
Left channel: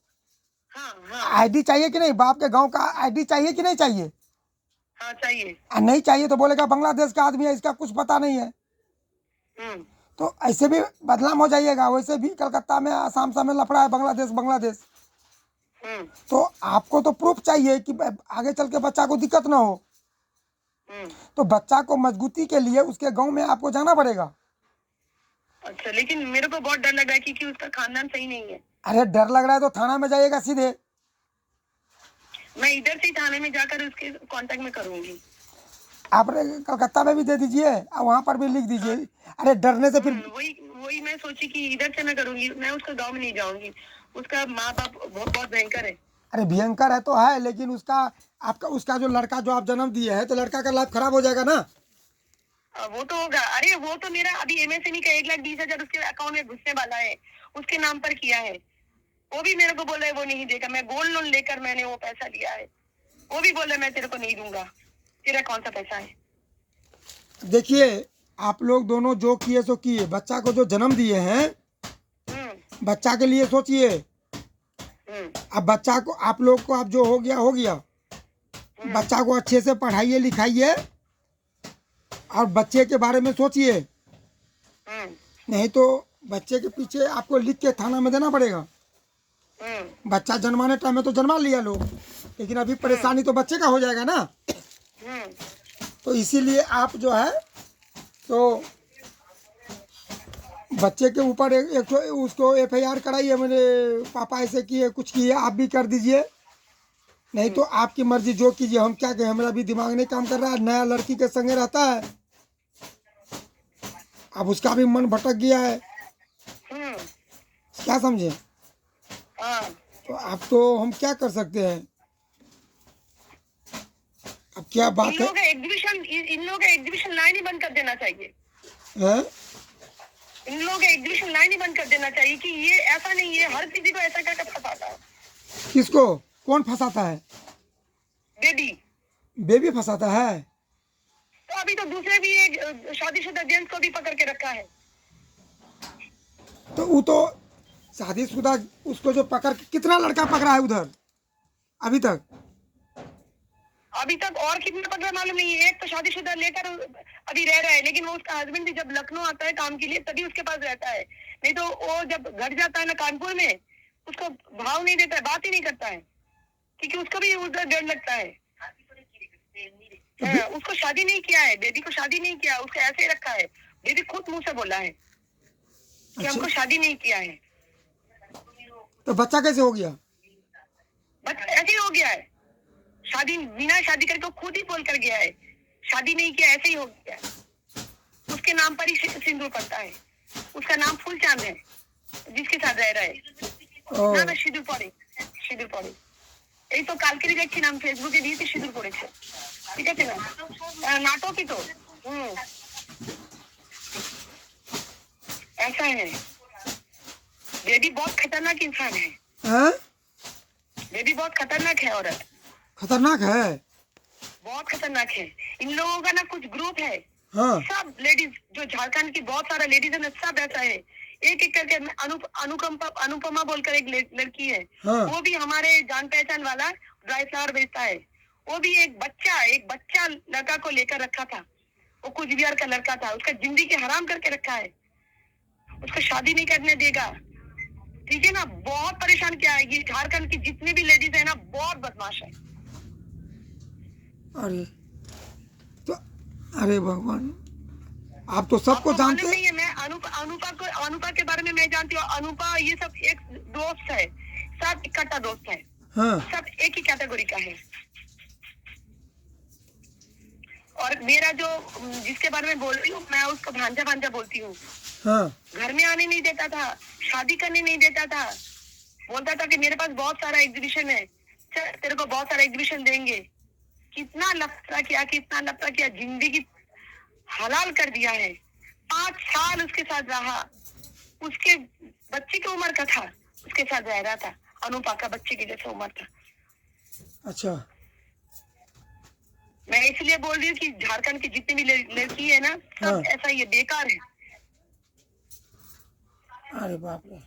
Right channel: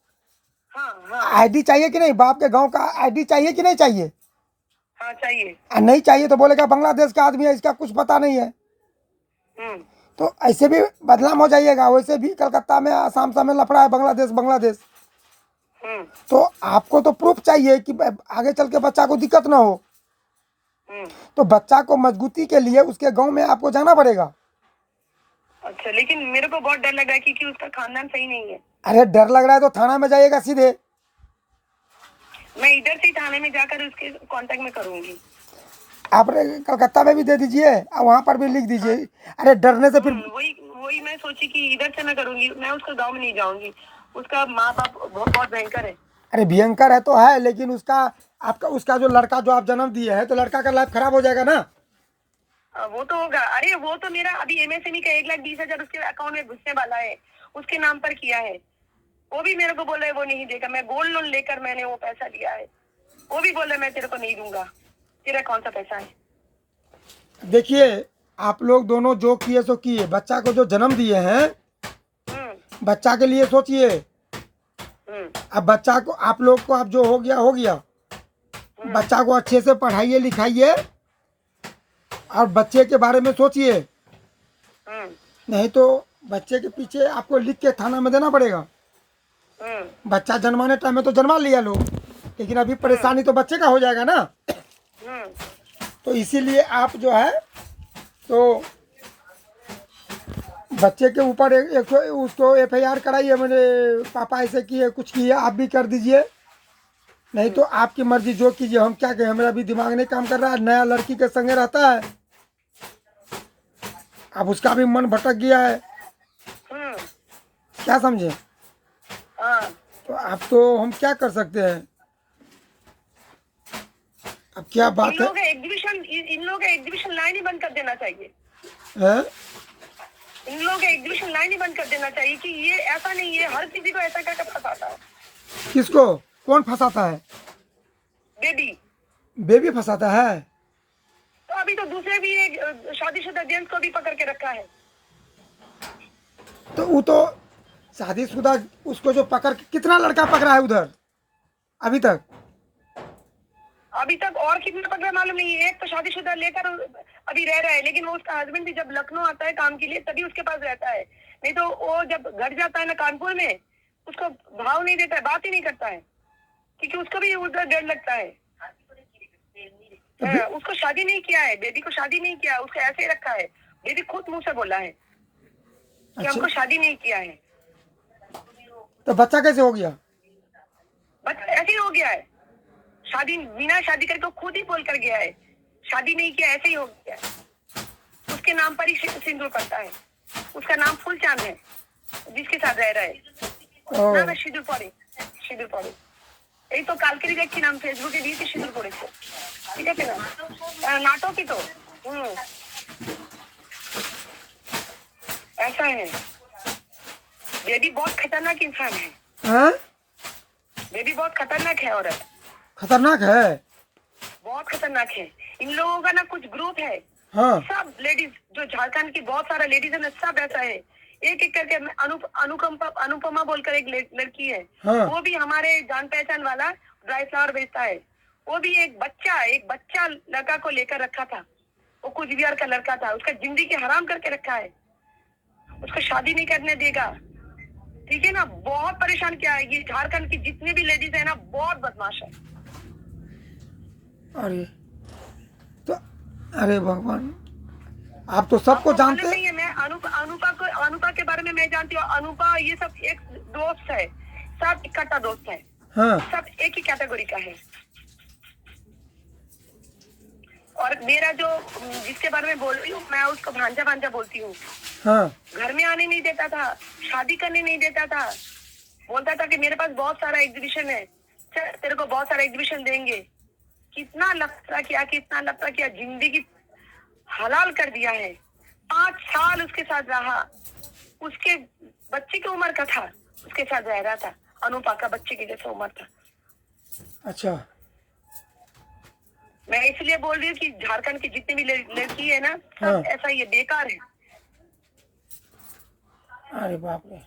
आईडी चाहिए कि नहीं? बाप के गांव का आईडी चाहिए कि नहीं चाहिए? हाँ चाहिए। नहीं चाहिए तो बोलेगा बांग्लादेश का आदमी है, इसका कुछ पता नहीं है। तो ऐसे भी बदनाम हो जाइएगा। वैसे भी कलकत्ता में आसाम में लफड़ा है, बांग्लादेश। तो आपको तो प्रूफ चाहिए कि आगे चल के बच्चा को दिक्कत ना हो। तो बच्चा को मजबूती के लिए उसके गांव में आपको जाना पड़ेगा। अच्छा, लेकिन मेरे को बहुत डर लग रहा है क्योंकि उसका खानदान सही नहीं है। अरे डर लग रहा है तो थाना में जाइएगा सीधे। मैं इधर से थाने में जाकर उसके कांटेक्ट में करूंगी। आप कलकत्ता में भी दे दीजिए और वहाँ पर भी लिख दीजिए। अरे डरने से फिर वही मैं सोची कि इधर से मैं करूंगी, मैं उसका गांव में नहीं जाऊंगी। उसका माँ बाप बहुत भयंकर है। अरे भयंकर है तो है, लेकिन उसका जो लड़का जो आप जन्म दिए है तो लड़का का लाइफ खराब हो जाएगा ना। वो तो होगा। अरे वो तो मेरा अभी एमएसएमई का 1,20,000 उसके अकाउंट में घुसने वाला है, उसके नाम पर किया है। वो भी मेरे को बोल रहा है वो नहीं देगा। मैं गोल्ड लोन लेकर मैंने वो पैसा लिया है, वो भी बोल रहा है मैं तेरे को नहीं दूंगा। तेरा कौन सा पैसा है? देखिए आप लोग दोनों जो किए सो किए, बच्चा को जो जन्म दिए हैं, बच्चा के लिए सोचिए। अब बच्चा को आप लोग को अब जो हो गया बच्चा को अच्छे से पढ़ाइए लिखाइए और बच्चे के बारे में सोचिए, नहीं तो बच्चे के पीछे आपको लिख के थाना में देना पड़ेगा। बच्चा जन्माने टाइम में तो जन्मा लिया लोग, लेकिन अभी परेशानी तो बच्चे का हो जाएगा ना। तो इसीलिए आप जो है तो बच्चे के ऊपर एक उसको FIR कराइए, मेरे पापा ऐसे किए कुछ किए, आप भी कर दीजिए, नहीं तो आपकी मर्जी जो कीजिए, हम क्या कहें, हमारा भी दिमाग नहीं काम कर रहा है। नया लड़की के संगे रहता है, अब उसका भी मन भटक गया है, क्या समझे। तो अब तो हम क्या कर सकते हैं, अब क्या बात है। इन लोगों का एग्जीबिशन लाइन ही बंद कर देना चाहिए, हैं? इन लोगों का एग्जीबिशन लाइन ही बंद कर देना चाहिए कि ये ऐसा नहीं है, हर किसी को ऐसा करके फंसाता है। किसको, कौन फंसाता है? बेबी फंसाता है। तो अभी तो दूसरे भी एक शादीशुदा जेंट्स को भी पकड़ के रखा है। तो वो तो शादीशुदा, उसको जो पकड़ के कितना लड़का पकड़ा है उधर अभी तक? और कितना पकड़ा मालूम नहीं है। एक तो शादीशुदा लेकर अभी रह रहा है, लेकिन वो उसका हस्बैंड भी जब लखनऊ आता है काम के लिए तभी उसके पास रहता है, नहीं तो वो जब घर जाता है ना कानपुर में, उसको भाव नहीं देता है, बात ही नहीं करता है, क्योंकि उसको भी उधर डर लगता है। उसको शादी नहीं किया है, बेबी को शादी नहीं किया है, उसको ऐसे ही रखा है। बेबी खुद मुंह से बोला है कि हमको शादी नहीं किया है। तो बच्चा कैसे हो गया? बच्चा ऐसे ही हो गया है, शादी बिना शादी करके खुद ही बोल कर गया है, शादी नहीं किया, ऐसे ही हो गया है। उसके नाम पर ही सिंदूर पड़ता है, उसका नाम फूलचांद है जिसके साथ रह रहा है ना। सिंदूर पड़े এই তো কালকেরই দেখছি নাম ফেসবুকে দিয়েছে, সিঁদুর পড়েছে, ঠিক আছে না, নাটকই তো। ऐसा है, बेबी बहुत खतरनाक इंसान है। बेबी बहुत खतरनाक है, औरत खतरनाक है, बहुत खतरनाक है। इन लोगों का ना कुछ ग्रुप है, सब लेडीज जो झारखंड की बहुत सारा लेडीज है ना, सब ऐसा है। एक एक करके अनुपमा बोलकर एक लड़की है, वो भी हमारे जान पहचान वाला ड्राई फ्लावर बेचता है। वो भी एक बच्चा लड़का को लेकर रखा था, वो कुछ बिहार का लड़का था, उसका जिंदगी हराम करके रखा है, उसको शादी नहीं करने देगा, ठीक है ना। बहुत परेशान किया है। ये झारखंड की जितनी भी लेडीज है ना, बहुत बदमाश है। अरे भगवान, आप तो सबको जानते हैं। मैं अनुपा के बारे में मैं जानती हूँ। अनुपा ये सब एक दोस्त है, सब इकट्ठा दोस्त है, सब एक ही कैटेगरी का है। और मेरा जो जिसके बारे में बोल रही हूँ मैं, उसको भांजा बोलती हूँ। घर में आने नहीं देता था, शादी करने नहीं देता था, बोलता था कि मेरे पास बहुत सारा एग्जीबिशन है, तेरे को बहुत सारा एग्जीबिशन देंगे। कितना लफड़ा किया, जिंदगी हलाल कर दिया है। 5 साल उसके साथ रहा, उसके बच्चे की उम्र का था, उसके साथ रह रहा था, अनुपा का बच्चे की जैसे उम्र था। अच्छा, मैं इसलिए बोल रही हूँ कि झारखंड की जितनी भी लड़की है ना, सब ऐसा ही है, बेकार है। अरे बाप रे,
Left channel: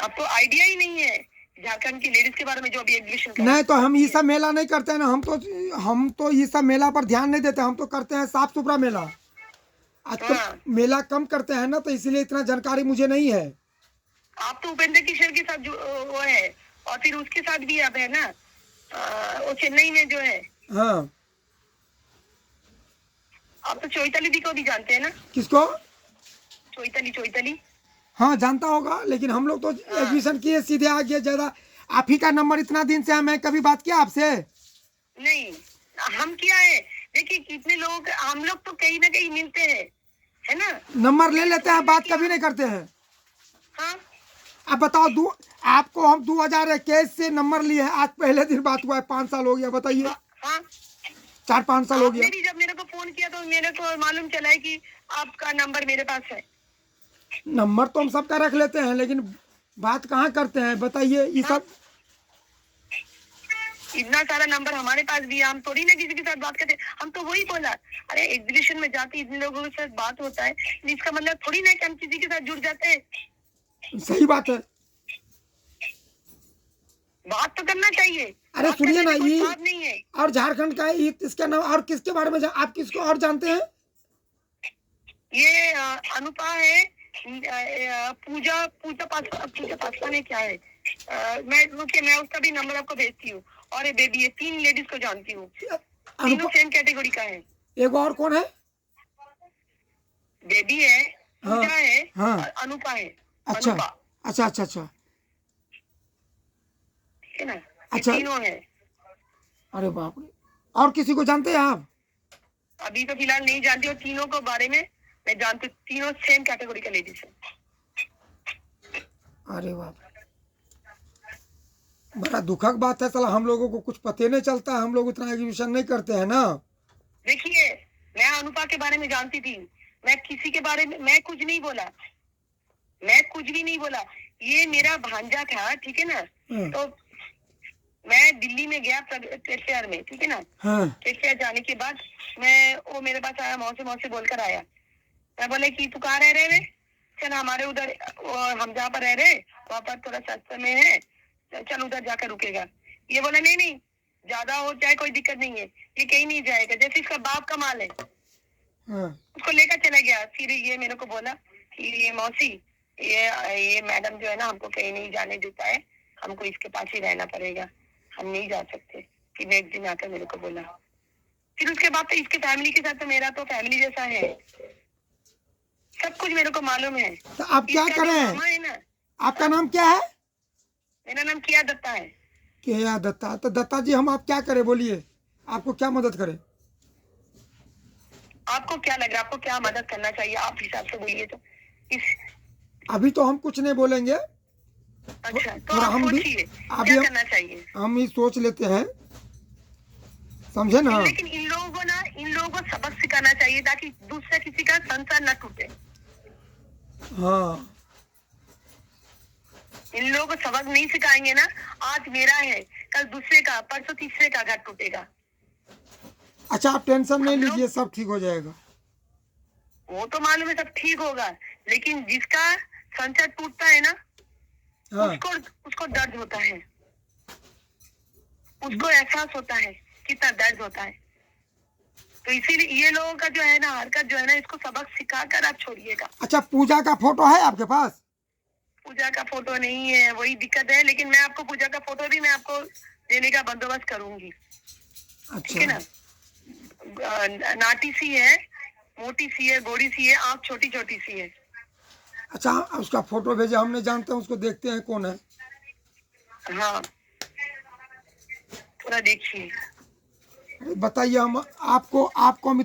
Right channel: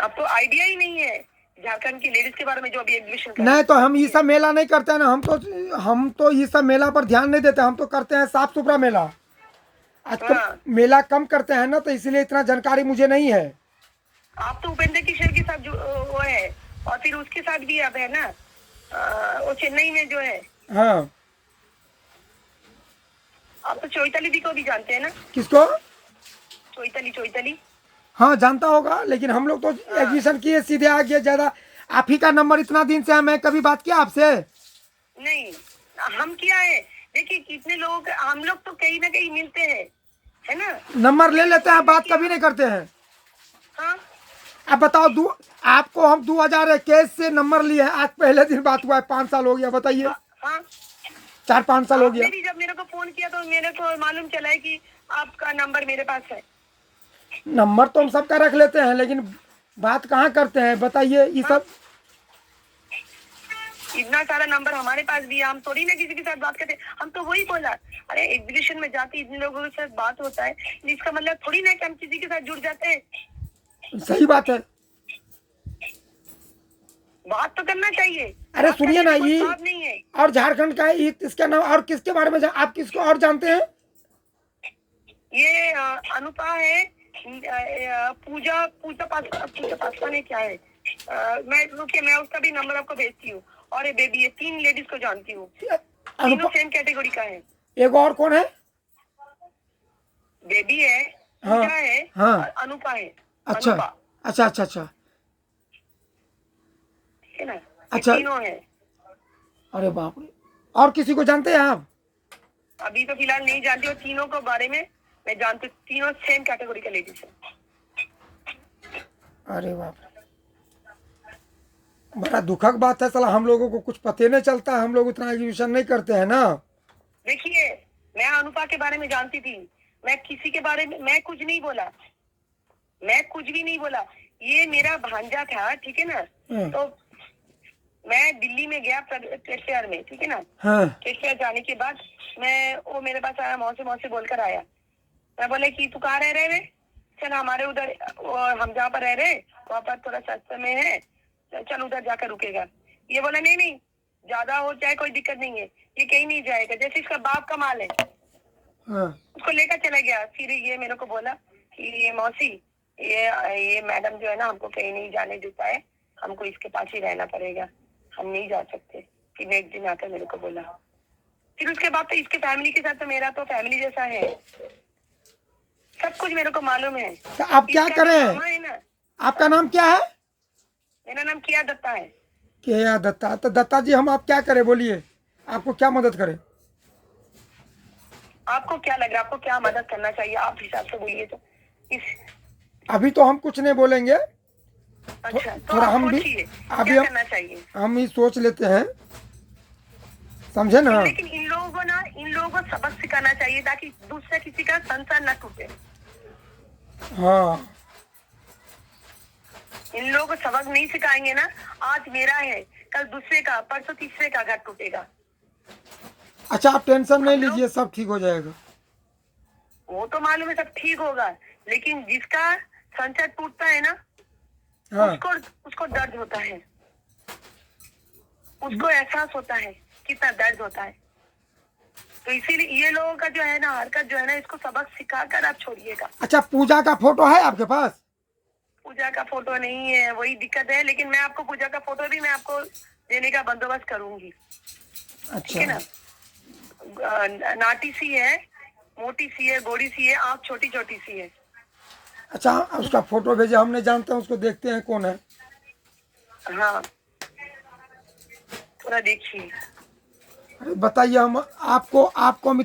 आपको आइडिया ही नहीं है झारखंड की लेडीज के बारे में जो अभी एग्जीबिशन नहीं। तो हम ये सब मेला नहीं करते हैं ना, हम तो ये सब मेला पर ध्यान नहीं देते, हम तो करते हैं साफ सुथरा मेला। आजकल मेला कम करते हैं ना, तो इसलिए इतना जानकारी मुझे नहीं है। आप तो उपेंद्र किशोर के साथ वो है, और फिर उसके साथ भी अब है ना, वो चेन्नई में जो है। आप तो चोइताली दी को भी जानते हैं ना? किसको? चोइताली। हाँ, जानता होगा, लेकिन हम लोग तो एडमिशन किए सीधे आ गए। ज्यादा आप ही का नंबर इतना दिन से है, मैं कभी बात किया आपसे? नहीं, हम किया है। देखिए कितने लोग, हम लोग तो कहीं ना कहीं मिलते हैं, है ना। नंबर ले लेते हैं, बात कभी नहीं करते हैं। अब बताओ, आपको हम 2021 से नंबर लिए हैं, आज पहले दिन बात हुआ है, 5 साल हो गया, बताइए। 4-5 साल हो गया। जब मेरे को फोन किया तो मेरे को मालूम चला है कि आपका नंबर मेरे पास है। नंबर तो हम सबका रख लेते हैं, लेकिन बात कहाँ करते हैं, बताइए। ये सब इतना सारा नंबर हमारे पास भी है, हम थोड़ी ना किसी के साथ बात करते। हम तो वही बोला, अरे एग्जीबिशन में जाते इतने लोगों के साथ बात होता है, इसका मतलब थोड़ी ना कि हम किसी के साथ जुड़ जाते हैं। सही बात है। बात तो करना चाहिए। अरे बात सुनिए करने ना, में कोई ये बात नहीं है। और झारखंड का है, इसका नाम और किसके बारे में आप किसको और जानते हैं? ये अनुपा है, पूजा पूजा पासवान है, क्या है? मैं रुकिए, मैं उसका भी नंबर आपको भेजती हूँ। और ये बेबी है, 3 लेडीज को जानती हूँ, तीनों अनुपा, सेम कैटेगरी का है। एक और कौन है? बेबी है, हाँ पूजा है, हाँ। और अनुपा है। अच्छा अनुपा, अच्छा अच्छा अच्छा ठीक है ना? ये अच्छा। तीनों है। अरे बाप रे, और किसी को जानते हैं आप? अभी तो फिलहाल नहीं जानती, और तीनों को बारे में मैं जानती हूँ। तीनों सेम कैटेगरी का लेडीज है। अरे बाप रे, बड़ा दुखद बात है। साला हम लोगों को कुछ पता नहीं चलता है, हम लोग उतना एग्जीबिशन नहीं करते हैं ना। देखिए, मैं अनुपा के बारे में जानती थी, मैं किसी के बारे में मैं कुछ नहीं बोला, मैं कुछ भी नहीं बोला। ये मेरा भांजा था, ठीक है ना? तो मैं दिल्ली में गया केसीआर में, ठीक है ना? हाँ केसीआर जाने के बाद वो मेरे पास आया, मौसी मौसी बोलकर आया। मैं बोले कि तू कहाँ रह रहे वे? चल हमारे उधर, हम जहाँ पर रह रहे वहाँ पर थोड़ा सस्ते में है, चल उधर जाकर रुकेगा। ये बोला नहीं नहीं, ज्यादा हो जाए कोई दिक्कत नहीं है, ये कहीं नहीं जाएगा, जैसे इसका बाप का माल है। हाँ उसको लेकर चला गया। फिर ये मेरे को बोला कि ये मौसी, ये मैडम जो है ना, हमको कहीं नहीं जाने देता है, हमको इसके पास ही रहना पड़ेगा, हम नहीं जा सकते। फिर नेक्स्ट दिन आकर मेरे को बोला। फिर उसके बाद तो इसके फैमिली के साथ तो मेरा तो फैमिली जैसा है, सब कुछ मेरे को मालूम है। तो आप क्या इसका जो करें? मामा है ना, आपका नाम क्या है? मेरा नाम किया दत्ता है। केया दत्ता। तो दत्ता जी, हम आप क्या करें, बोलिए, आपको क्या मदद करें? आपको क्या लग रहा है, आपको क्या मदद करना चाहिए, आप हिसाब से बोलिए। तो इस अभी तो हम कुछ नहीं बोलेंगे, अच्छा, तो थोड़ा आप हम भी सोचिए अभी क्या करना चाहिए। हम ही सोच लेते हैं, समझे ना? लेकिन इन लोगों को सबक सिखाना चाहिए, ताकि दूसरे किसी का संसार न टूटे। हाँ इन लोगों को सबक नहीं सिखाएंगे ना, आज मेरा है, कल दूसरे का, परसों तीसरे का घर टूटेगा। अच्छा, आप टेंशन नहीं हम लोग, लीजिए, सब ठीक हो जाएगा। वो तो मालूम है सब ठीक होगा, लेकिन जिसका संसार टूटता है ना, हाँ उसको दर्द होता है, उसको एहसास होता है कितना दर्द होता है। तो इसीलिए ये लोगों का जो है ना, हरकत जो है ना, इसको सबक सिखाकर आप छोड़िएगा। अच्छा, पूजा का फोटो है आपके पास? पूजा का फोटो नहीं है, वही दिक्कत है, लेकिन मैं आपको पूजा का फोटो भी मैं आपको देने का बंदोबस्त करूंगी, ठीक है अच्छा ना? नाटी सी है, मोटी सी है, गोरी सी है, आँख छोटी छोटी सी है। अच्छा, उसका फोटो भेजे, हम नहीं जानते हैं उसको, देखते हैं कौन है। हाँ, थोड़ा देखिए। अरे बताइए, हम आपको आपको हम